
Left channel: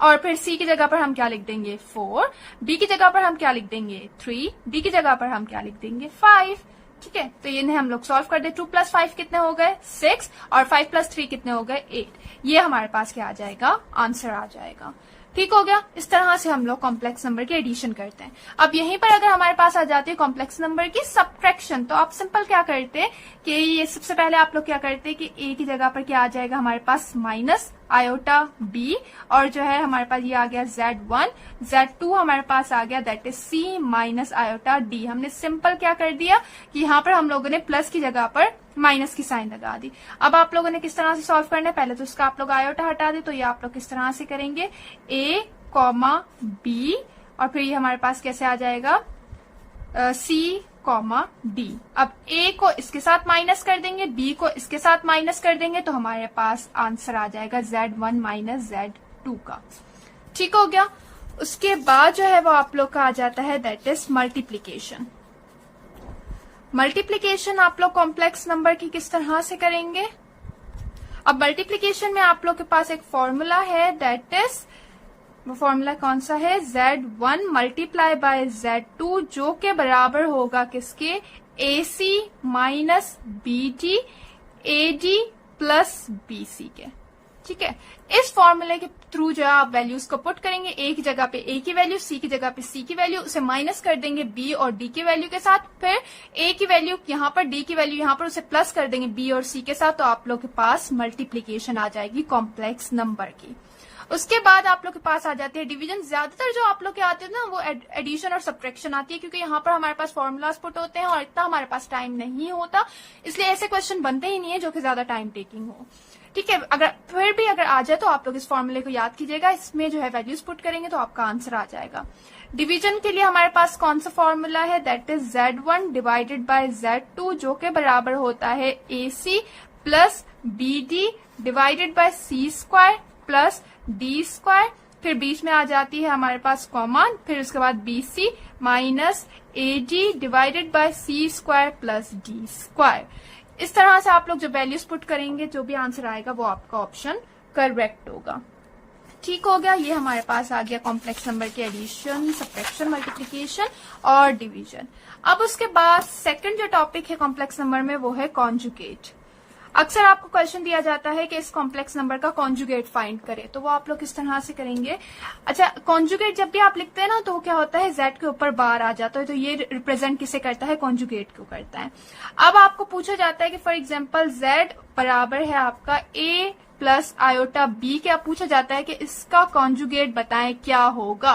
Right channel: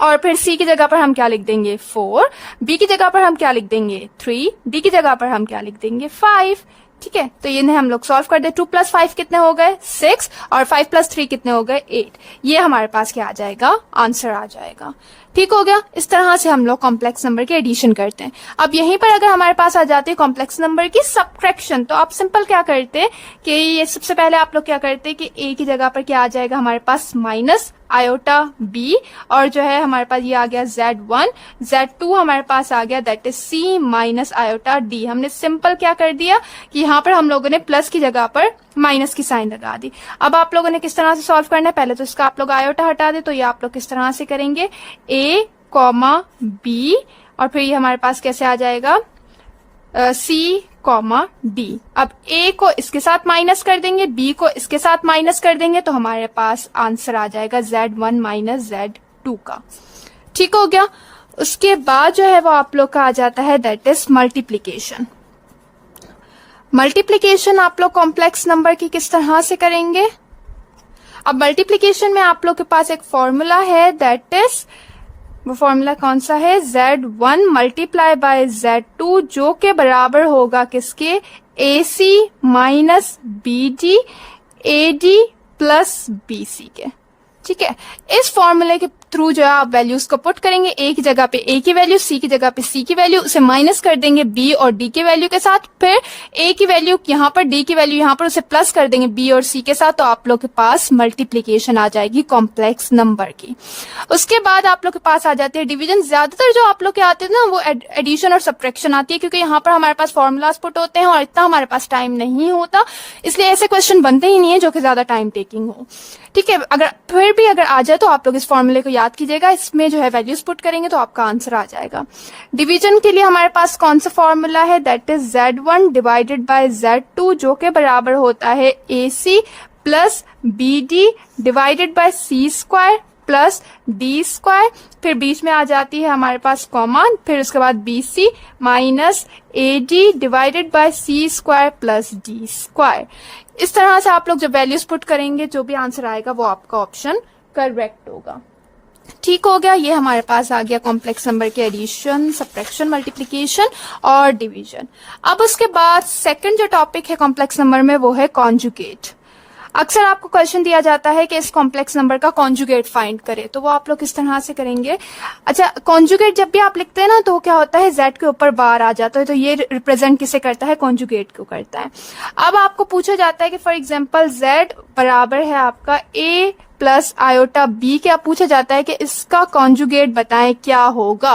और फिर c की जगह पर हम क्या लिख देंगे 4, b की जगह पर हम क्या लिख देंगे 3, d की जगह पर हम क्या लिख देंगे 5। ठीक है, तो ये हम लोग सॉल्व कर दे। 2 + 5 कितने हो गए 6, और 5 + 3 कितने हो गए 8। ये हमारे पास क्या आ जाएगा, आंसर आ जाएगा। ठीक हो गया, इस तरह से हम लोग कॉम्प्लेक्स नंबर की एडिशन करते हैं। अब यहीं पर अगर हमारे पास आ जाती है कॉम्प्लेक्स नंबर की सब्ट्रैक्शन, तो आप सिंपल क्या करते हैं कि ये सबसे पहले आप लोग क्या करते हैं कि a की जगह पर क्या आ जाएगा हमारे पास माइनस आयोटा b, और जो है हमारे पास ये आ गया z1, z2 हमारे पास आ गया that is c - iota d। हमने सिंपल क्या कर दिया कि यहाँ पर हम लोगों ने प्लस की जगह पर माइनस की साइन लगा दी। अब आप लोगों ने किस तरह से सॉल्व करना है, पहले तो इसका आप लोग आयोटा हटा दे, तो ये आप लोग किस तरह से करेंगे, a, b, और फिर ये हमारे पास कैसे आ जाएगा c, d। अब a को इसके साथ माइनस कर देंगे, b को इसके साथ माइनस कर देंगे, तो हमारे पास आंसर आ जाएगा z1 - z2 का। ठीक हो गया, उसके बाद जो है वो आप लोग का आ जाता है दैट इज मल्टीप्लीकेशन। मल्टीप्लीकेशन आप लोग कॉम्प्लेक्स नंबर की किस तरह से करेंगे। अब मल्टीप्लीकेशन में आप लोग के पास एक फॉर्मूला है दैट इज, वो फॉर्मूला कौन सा है, z1 × z2, जो के बराबर होगा किसके, ac - bd ad + bc के। ठीक है, इस फॉर्मूले के थ्रू जो है आप वैल्यूज को पुट करेंगे, a की जगह पे a की वैल्यू, c की जगह पे c की वैल्यू, उसे माइनस कर देंगे b और d की वैल्यू के साथ, फिर a की वैल्यू यहाँ पर, d की वैल्यू यहाँ पर, उसे प्लस कर देंगे b और c के साथ, तो आप लोग के पास मल्टीप्लीकेशन आ जाएगी कॉम्प्लेक्स नंबर की। उसके बाद आप लोग के पास आ जाती है डिवीजन। ज्यादातर जो आप लोग के आते हैं ना वो एडिशन और सब्ट्रैक्शन आती है, क्योंकि यहाँ पर हमारे पास फॉर्मूलाज पुट होते हैं और इतना हमारे पास टाइम नहीं होता, इसलिए ऐसे क्वेश्चन बनते ही नहीं है जो कि ज्यादा टाइम टेकिंग हो। ठीक है, अगर फिर भी अगर आ जाए तो आप लोग इस फॉर्मूले को याद कीजिएगा, इसमें जो है वैल्यूज पुट करेंगे तो आपका आंसर आ जाएगा। डिवीजन के लिए हमारे पास कौन सा फॉर्मूला है, दैट इज z1 / z2, जो के बराबर होता है ac + bd / c² + d², फिर बीच में आ जाती है हमारे पास कॉमा, फिर उसके बाद bc - ad / c² + d²। इस तरह से आप लोग जब वैल्यूज पुट करेंगे जो भी आंसर आएगा वो आपका ऑप्शन करेक्ट होगा। ठीक हो गया। ये हमारे पास आ गया कॉम्प्लेक्स नंबर के एडिशन, सब्ट्रैक्शन, मल्टीप्लिकेशन और डिवीजन। अब उसके बाद सेकंड जो टॉपिक है कॉम्प्लेक्स नंबर में वो है कॉन्जुगेट। अक्सर आपको क्वेश्चन दिया जाता है कि इस कॉम्प्लेक्स नंबर का कॉन्जुगेट फाइंड करें, तो वो आप लोग किस तरह से करेंगे। अच्छा, कॉन्जुगेट जब भी आप लिखते हैं ना तो क्या होता है, जेड के ऊपर बार आ जाता है, तो ये रिप्रेजेंट किसे करता है, कॉन्जुगेट को करता है। अब आपको पूछा जाता है कि फॉर एग्जाम्पल जेड बराबर है आपका ए प्लस आयोटा बी, क्या पूछा जाता है कि इसका कॉन्जुगेट बताएं क्या होगा।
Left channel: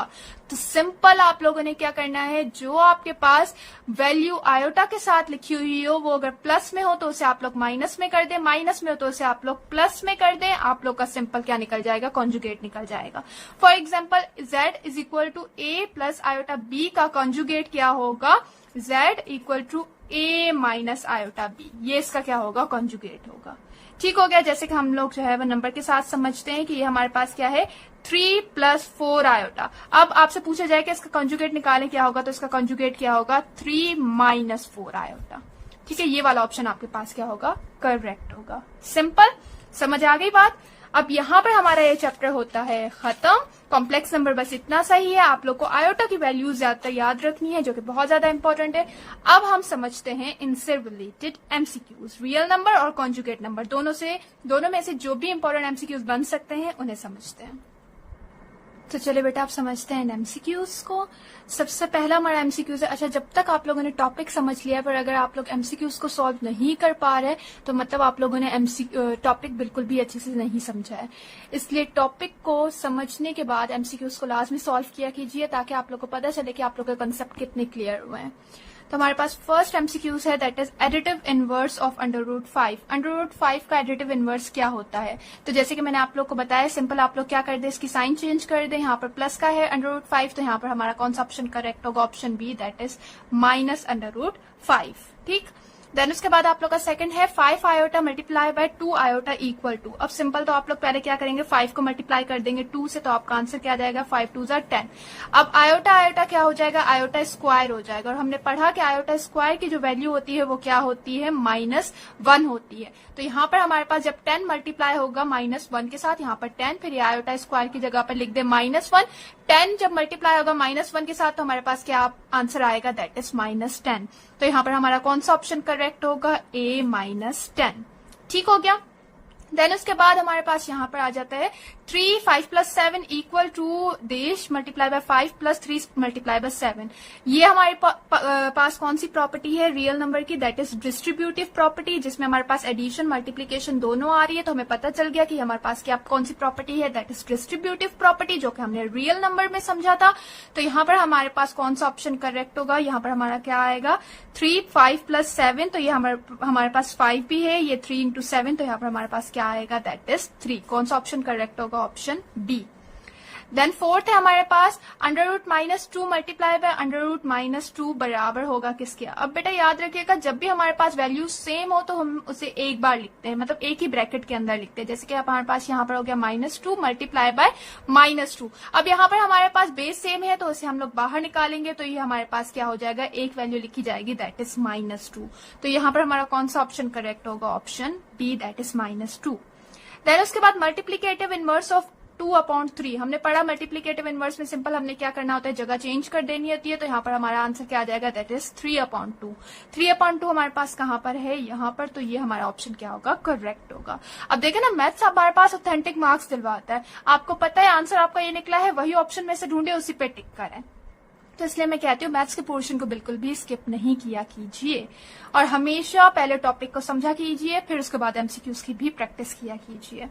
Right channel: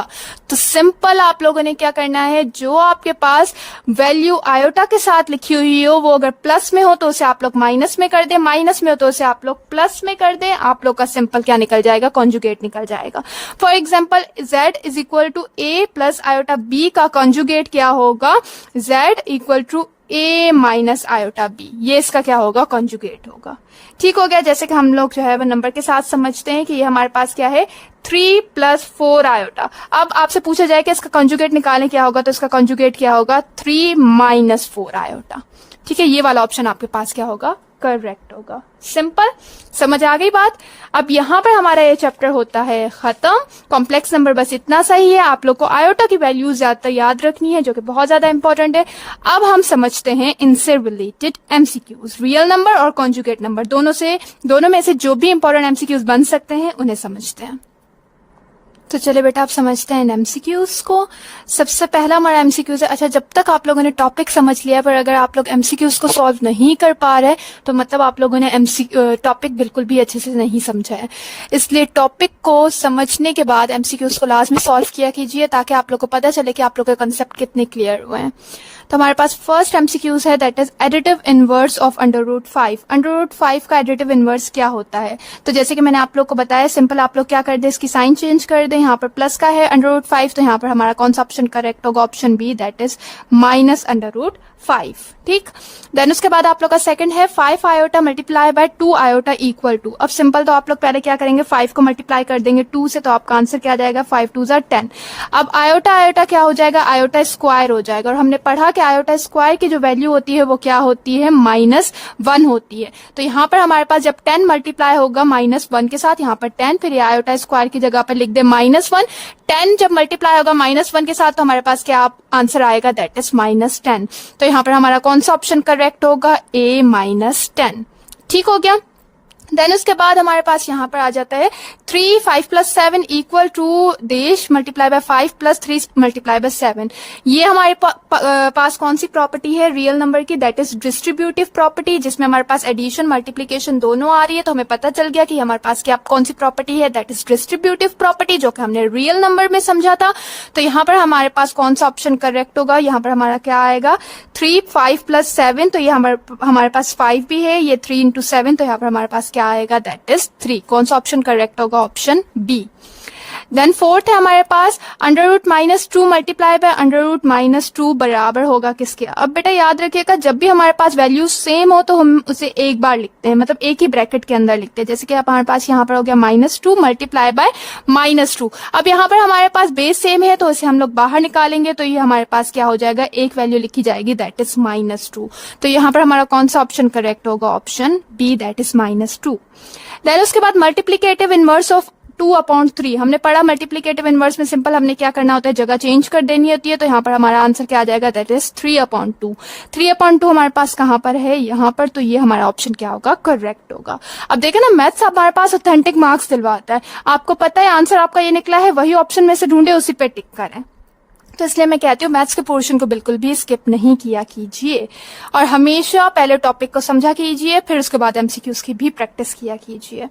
तो सिंपल आप लोगों ने क्या करना है, जो आपके पास वैल्यू आयोटा के साथ लिखी हुई हो वो अगर प्लस में हो तो उसे आप लोग माइनस में कर दें, माइनस में हो तो उसे आप लोग प्लस में कर दें, आप लोग का सिंपल क्या निकल जाएगा, कॉन्जुगेट निकल जाएगा। For example z is equal to A plus iota B का कॉन्जुगेट क्या होगा, z equal to a minus iota b, ये इसका क्या होगा, कॉन्जुगेट होगा। ठीक हो गया। जैसे कि हम लोग जो है वो नंबर के साथ समझते हैं कि ये हमारे पास क्या है, 3 प्लस 4 आयोटा। अब आपसे पूछा जाए कि इसका कॉन्जुगेट निकालें क्या होगा, तो इसका कॉन्जुगेट क्या होगा, 3 माइनस 4 आयोटा। ठीक है, ये वाला ऑप्शन आपके पास क्या होगा, करेक्ट होगा। सिंपल, समझ आ गई बात। अब यहाँ पर हमारा ये चैप्टर होता है खत्म। कॉम्प्लेक्स नंबर बस इतना सही है, आप लोग को आयोटा की वैल्यूज ज्यादा याद रखनी है जो कि बहुत ज्यादा इंपॉर्टेंट है। अब हम समझते हैं इनसे रिलेटेड एमसीक्यूज, रियल नंबर और कॉन्जुगेट नंबर, दोनों में से जो भी इंपॉर्टेंट एमसीक्यूज बन सकते हैं उन्हें समझते हैं। तो चले बेटा आप समझते हैं एमसीक्यूज को। सबसे पहला हमारा एमसीक्यूज है, अच्छा जब तक आप लोगों ने टॉपिक समझ लिया पर अगर आप लोग एमसीक्यूज को सॉल्व नहीं कर पा रहे तो मतलब आप लोगों ने टॉपिक बिल्कुल भी अच्छे से नहीं समझा है। इसलिए टॉपिक को समझने के बाद एमसीक्यूज को लास्ट में सॉल्व किया कीजिए ताकि आप लोग को पता चले कि आप लोग के कंसेप्ट कितने क्लियर हुए हैं। तो हमारे पास फर्स्ट एमसीक्यूज है, that is additive inverse of under root 5। Under root 5 का एडिटिव इनवर्स क्या होता है, तो जैसे कि मैंने आप लोग को बताया, सिंपल आप लोग क्या कर दे, इसकी साइन चेंज कर दें, यहाँ पर प्लस का है अंडर रूट 5 तो यहाँ पर हमारा कौन सा ऑप्शन करेक्ट होगा, option B, that is minus under root 5। ठीक, देन उसके बाद आप लोग का सेकंड है 5 iota multiply by 2 iota equal to. अब सिंपल तो आप लोग पहले क्या करेंगे, 5 को मल्टीप्लाई कर देंगे 2 से, तो आपका आंसर क्या आ जाएगा, 5 2 जार 10। अब आयोटा आयोटा क्या हो जाएगा, आयोटा स्क्वायर हो जाएगा, और हमने पढ़ा कि आयोटा स्क्वायर की जो वैल्यू होती है वो क्या होती है, -1 होती है। तो यहाँ पर हमारे पास जब 10 मल्टीप्लाई होगा -1 के साथ, यहाँ पर 10, फिर ये आयोटा स्क्वायर की जगह पर लिख दे -1। 10 जब मल्टीप्लाई होगा -1 के साथ तो हमारे पास क्या आंसर आएगा, दैट इज -10। तो यहाँ पर हमारा कौन सा ऑप्शन करेक्ट होगा, A -10। ठीक हो गया। देन उसके बाद हमारे पास यहाँ पर आ जाता है 3 5 प्लस 7 इक्वल टू देश multiply by 5 plus 3 multiply by 7। ये हमारे पास कौन सी प्रॉपर्टी है रियल नंबर की, दैट इज डिस्ट्रीब्यूटिव प्रॉपर्टी, जिसमें हमारे पास एडिशन मल्टीप्लीकेशन दोनों आ रही है। तो हमें पता चल गया कि हमारे पास क्या कौन सी प्रॉपर्टी है, दैट इज डिस्ट्रीब्यूटिव प्रॉपर्टी, जो कि हमने रियल नंबर में समझा था। तो यहाँ पर हमारे पास कौन सा ऑप्शन करेक्ट होगा, यहाँ पर हमारा क्या आएगा, 3 5 प्लस 7, तो ये हमारे पास 5 भी है, ये 3 इंटू 7, तो यहाँ पर हमारे पास क्या आएगा, दैट इज 3। कौन सा ऑप्शन करेक्ट होगा, ऑप्शन बी। देन फोर्थ है हमारे पास under root -2 multiply by under root -2 बराबर होगा किसके। अब बेटा याद रखिएगा, जब भी हमारे पास वैल्यू सेम हो तो हम उसे एक बार लिखते हैं, मतलब एक ही ब्रैकेट के अंदर लिखते हैं। जैसे कि हमारे पास यहाँ पर हो गया -2 मल्टीप्लाई बाय -2। अब यहाँ पर हमारे पास बेस सेम है तो इसे हम लोग बाहर निकालेंगे, तो ये हमारे पास क्या हो जाएगा, एक वैल्यू लिखी जाएगी, दैट इज -2। तो यहाँ पर हमारा कौन सा ऑप्शन करेक्ट होगा, option B, that is -2। Then उसके बाद मल्टीप्लीकेटिव इनवर्स ऑफ 2/3 हमने पढ़ा। मल्टीप्लीकेटिव इनवर्स में सिंपल हमने क्या करना होता है, जगह चेंज कर देनी होती है। तो यहाँ पर हमारा आंसर क्या आ जाएगा, दैट इज 3/2। 3/2 हमारे पास कहाँ पर है, यहाँ पर, तो ये हमारा ऑप्शन क्या होगा, करेक्ट होगा। अब देखें ना, मैथ्स हमारे पास ऑथेंटिक मार्क्स दिलवाता है। आपको पता है आंसर आपका ये निकला है, वही ऑप्शन में से ढूंढे, उसी पे टिक करें। तो इसलिए मैं कहती हूँ मैथ्स के पोर्शन को बिल्कुल भी स्किप नहीं किया कीजिए, और हमेशा पहले टॉपिक को समझा कीजिए, फिर उसके बाद एमसीक्यूज की भी प्रैक्टिस किया कीजिए।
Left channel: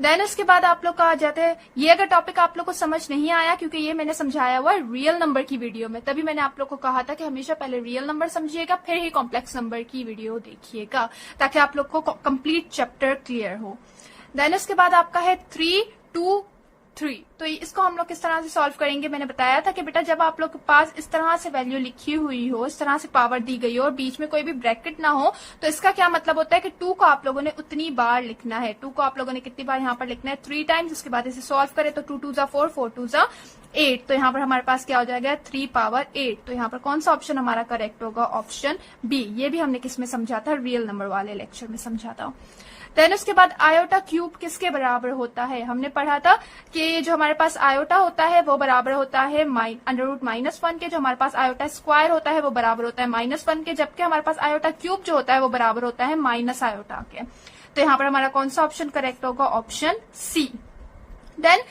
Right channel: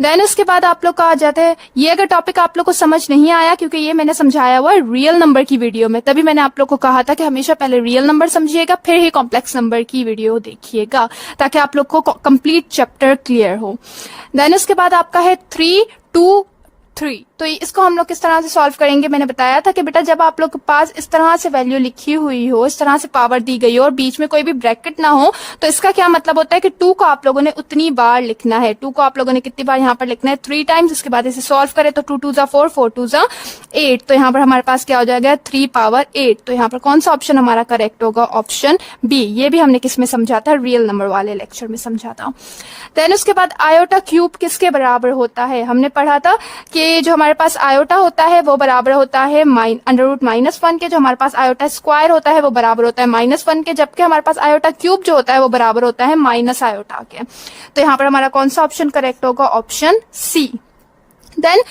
देन उसके बाद आप लोग का आ जाता है, ये अगर टॉपिक आप लोग को समझ नहीं आया, क्योंकि ये मैंने समझाया हुआ है रियल नंबर की वीडियो में, तभी मैंने आप लोग को कहा था कि हमेशा पहले रियल नंबर समझिएगा, फिर ही कॉम्प्लेक्स नंबर की वीडियो देखिएगा, ताकि आप लोग को कंप्लीट चैप्टर क्लियर हो। देन उसके बाद आपका है 3 2 3। तो इसको हम लोग किस तरह से सॉल्व करेंगे, मैंने बताया था कि बेटा जब आप लोग के पास इस तरह से वैल्यू लिखी हुई हो, इस तरह से पावर दी गई हो और बीच में कोई भी ब्रैकेट ना हो, तो इसका क्या मतलब होता है कि 2 को आप लोगों ने उतनी बार लिखना है। 2 को आप लोगों ने कितनी बार यहाँ पर लिखना है, 3 टाइम्स। उसके बाद इसे सॉल्व करें तो 2 2 जा 4 4 2 जा 8, तो यहाँ पर हमारे पास क्या हो जाएगा, 3 पावर 8। तो यहाँ पर कौन सा ऑप्शन हमारा करेक्ट होगा, ऑप्शन बी। ये भी हमने किस में समझा था, रियल नंबर वाले लेक्चर में समझा था। देन उसके बाद आयोटा क्यूब किसके बराबर होता है, हमने पढ़ा था कि कि जो हमारे पास आयोटा होता है वो बराबर होता है √-1 के, जो हमारे पास आयोटा स्क्वायर होता है वो बराबर होता है -1 के, जबकि हमारे पास आयोटा क्यूब जो होता है वो बराबर होता है माइनस आयोटा के। तो यहाँ पर हमारा कौन सा ऑप्शन करेक्ट होगा? Option C. Then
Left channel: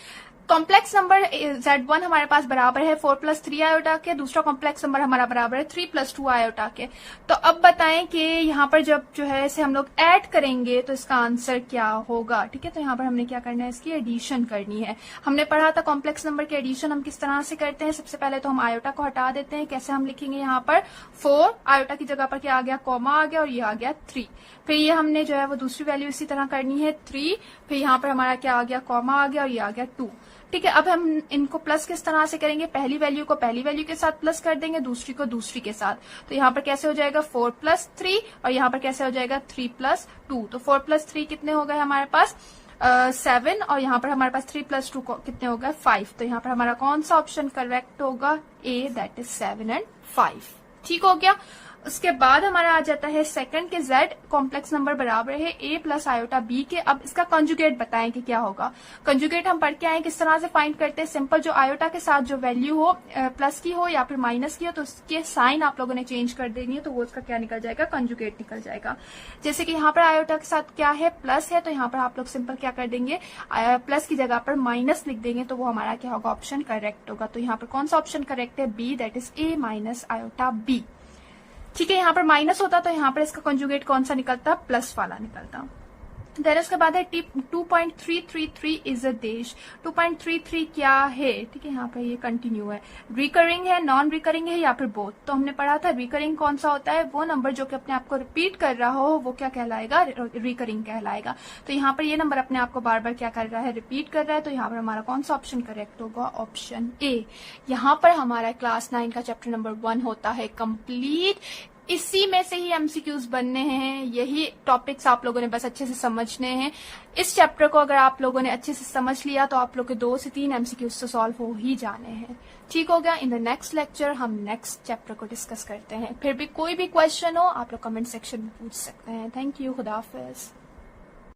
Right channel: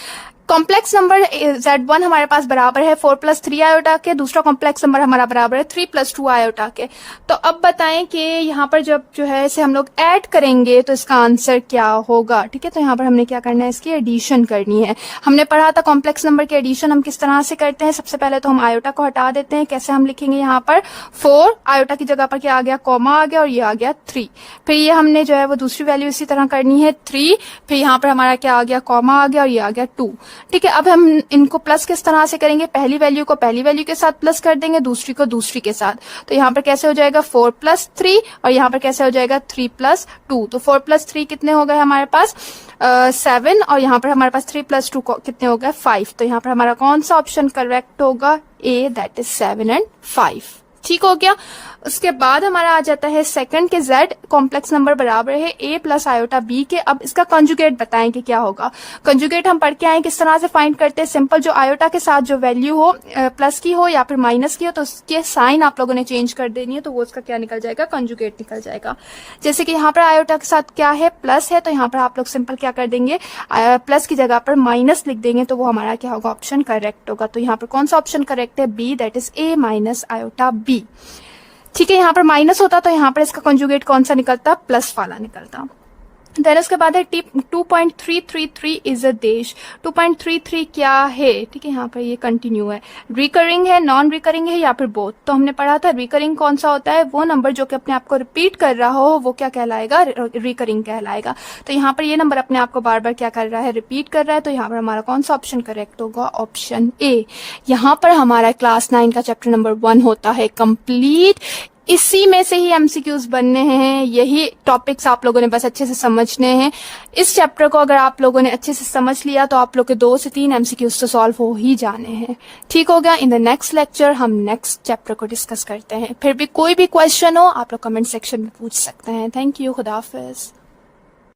complex number Z1 हमारे पास बराबर है 4 + 3 आयोटा के, दूसरा कॉम्प्लेक्स नंबर हमारा बराबर है 3 + 2 आयोटा के। तो अब बताएं कि यहाँ पर जब जो है इसे हम लोग ऐड करेंगे तो इसका आंसर क्या होगा? ठीक है, तो यहाँ पर हमने क्या करना है, इसकी एडिशन करनी है। हमने पढ़ा था कॉम्प्लेक्स नंबर की एडिशन हम किस तरह से करते हैं। सबसे पहले तो हम आयोटा को हटा देते हैं। कैसे हम लिखेंगे? यहाँ पर 4 आयोटा की जगह पर क्या आ गया? कॉमा आ गया और ये आ गया 3। फिर ये हमने जो है वो दूसरी वैल्यू इसी तरह करनी है 3, फिर यहाँ पर हमारा क्या आ गया? कॉमा आ गया और ये आ गया 2। ठीक है, अब हम इनको प्लस किस तरह से करेंगे? पहली वैल्यू को पहली वैल्यू के साथ प्लस कर देंगे, दूसरी को दूसरी के साथ। तो यहाँ पर कैसे हो जाएगा? 4 + 3 और यहाँ पर कैसे हो जाएगा? 3 + 2। तो 4 + 3 कितने हो गए हमारे पास? 7 और यहाँ पर हमारे पास 3 + 2 कितने हो गए? 5। तो यहाँ पर हमारा कौन सा ऑप्शन करेक्ट होगा? ए, दैट इज 7 और 5। ठीक हो गया। उसके बाद हमारा आ जाता है सेकंड के Z कॉम्प्लेक्स नंबर बराबर है A + आयोटा B के। अब इसका कंजुगेट बताएं कि क्या होगा। कंजुगेट हम पढ़ के आए किस तरह से फाइंड करते हैं। सिंपल, जो आयोटा के साथ जो वैल्यू हो प्लस की हो या फिर माइनस की हो तो उसके साइन आप लोगों ने चेंज कर देनी है, तो वो उसका क्या निकल जाएगा? कंजुगेट निकल जाएगा। जैसे कि यहाँ पर आयोटा के साथ क्या है? प्लस है, तो यहाँ पर आप लोग सिंपल क्या कर देंगे? प्लस की जगह पर माइनस लिख देंगे, तो वो हमारा क्या होगा? ऑप्शन करेक्ट होगा। तो यहाँ पर कौन सा ऑप्शन करेक्ट है? B, that is A - iota B। ठीक है, यहाँ पर माइनस होता तो यहाँ पर इसका कंजुगेट कौन सा निकलता? प्लस वाला निकलता। देन उसके बाद है 2.333 इज अ देश। 2.33 क्या है? ठीक है, यहाँ पर ये कंटिन्यू है, रिकरिंग है, नॉन रिकरिंग है या फिर बोथ। तो हमने पढ़ा था रिकरिंग कौन सा होता है? वो नंबर जो कि अपने आप को रिपीट कर रहा हो वो क्या कहलाएगा? रिकरिंग कहलाएगा। तो यहाँ पर ये नंबर अपने आप को बार बार क्या कर रहा है? रिपीट कर रहा है। तो यहाँ पर हमारा कौन सा ऑप्शन करेक्ट होगा? Option A. यहाँ पर हमारा क्लास 9 का चैप्टर नंबर 1 होता है कंप्लीट। इसी में से ही एमसीक्यूज बनने हैं। यही टॉपिक्स आप लोगों ने बस अच्छे से समझने हैं। इस चैप्टर को अगर आप लोगों ने अच्छे से समझ लिया तो आप लोग के 2 से 3 एमसीक्यूज तो सॉल्व हो ही जाने हैं। ठीक हो गया। इन द नेक्स्ट लेक्चर हम नेक्स्ट चैप्टर को डिस्कस करते हैं। फिर भी कोई भी क्वेश्चन हो आप लोग कमेंट सेक्शन में पूछ सकते हैं। Thank you. खुदा हाफिज।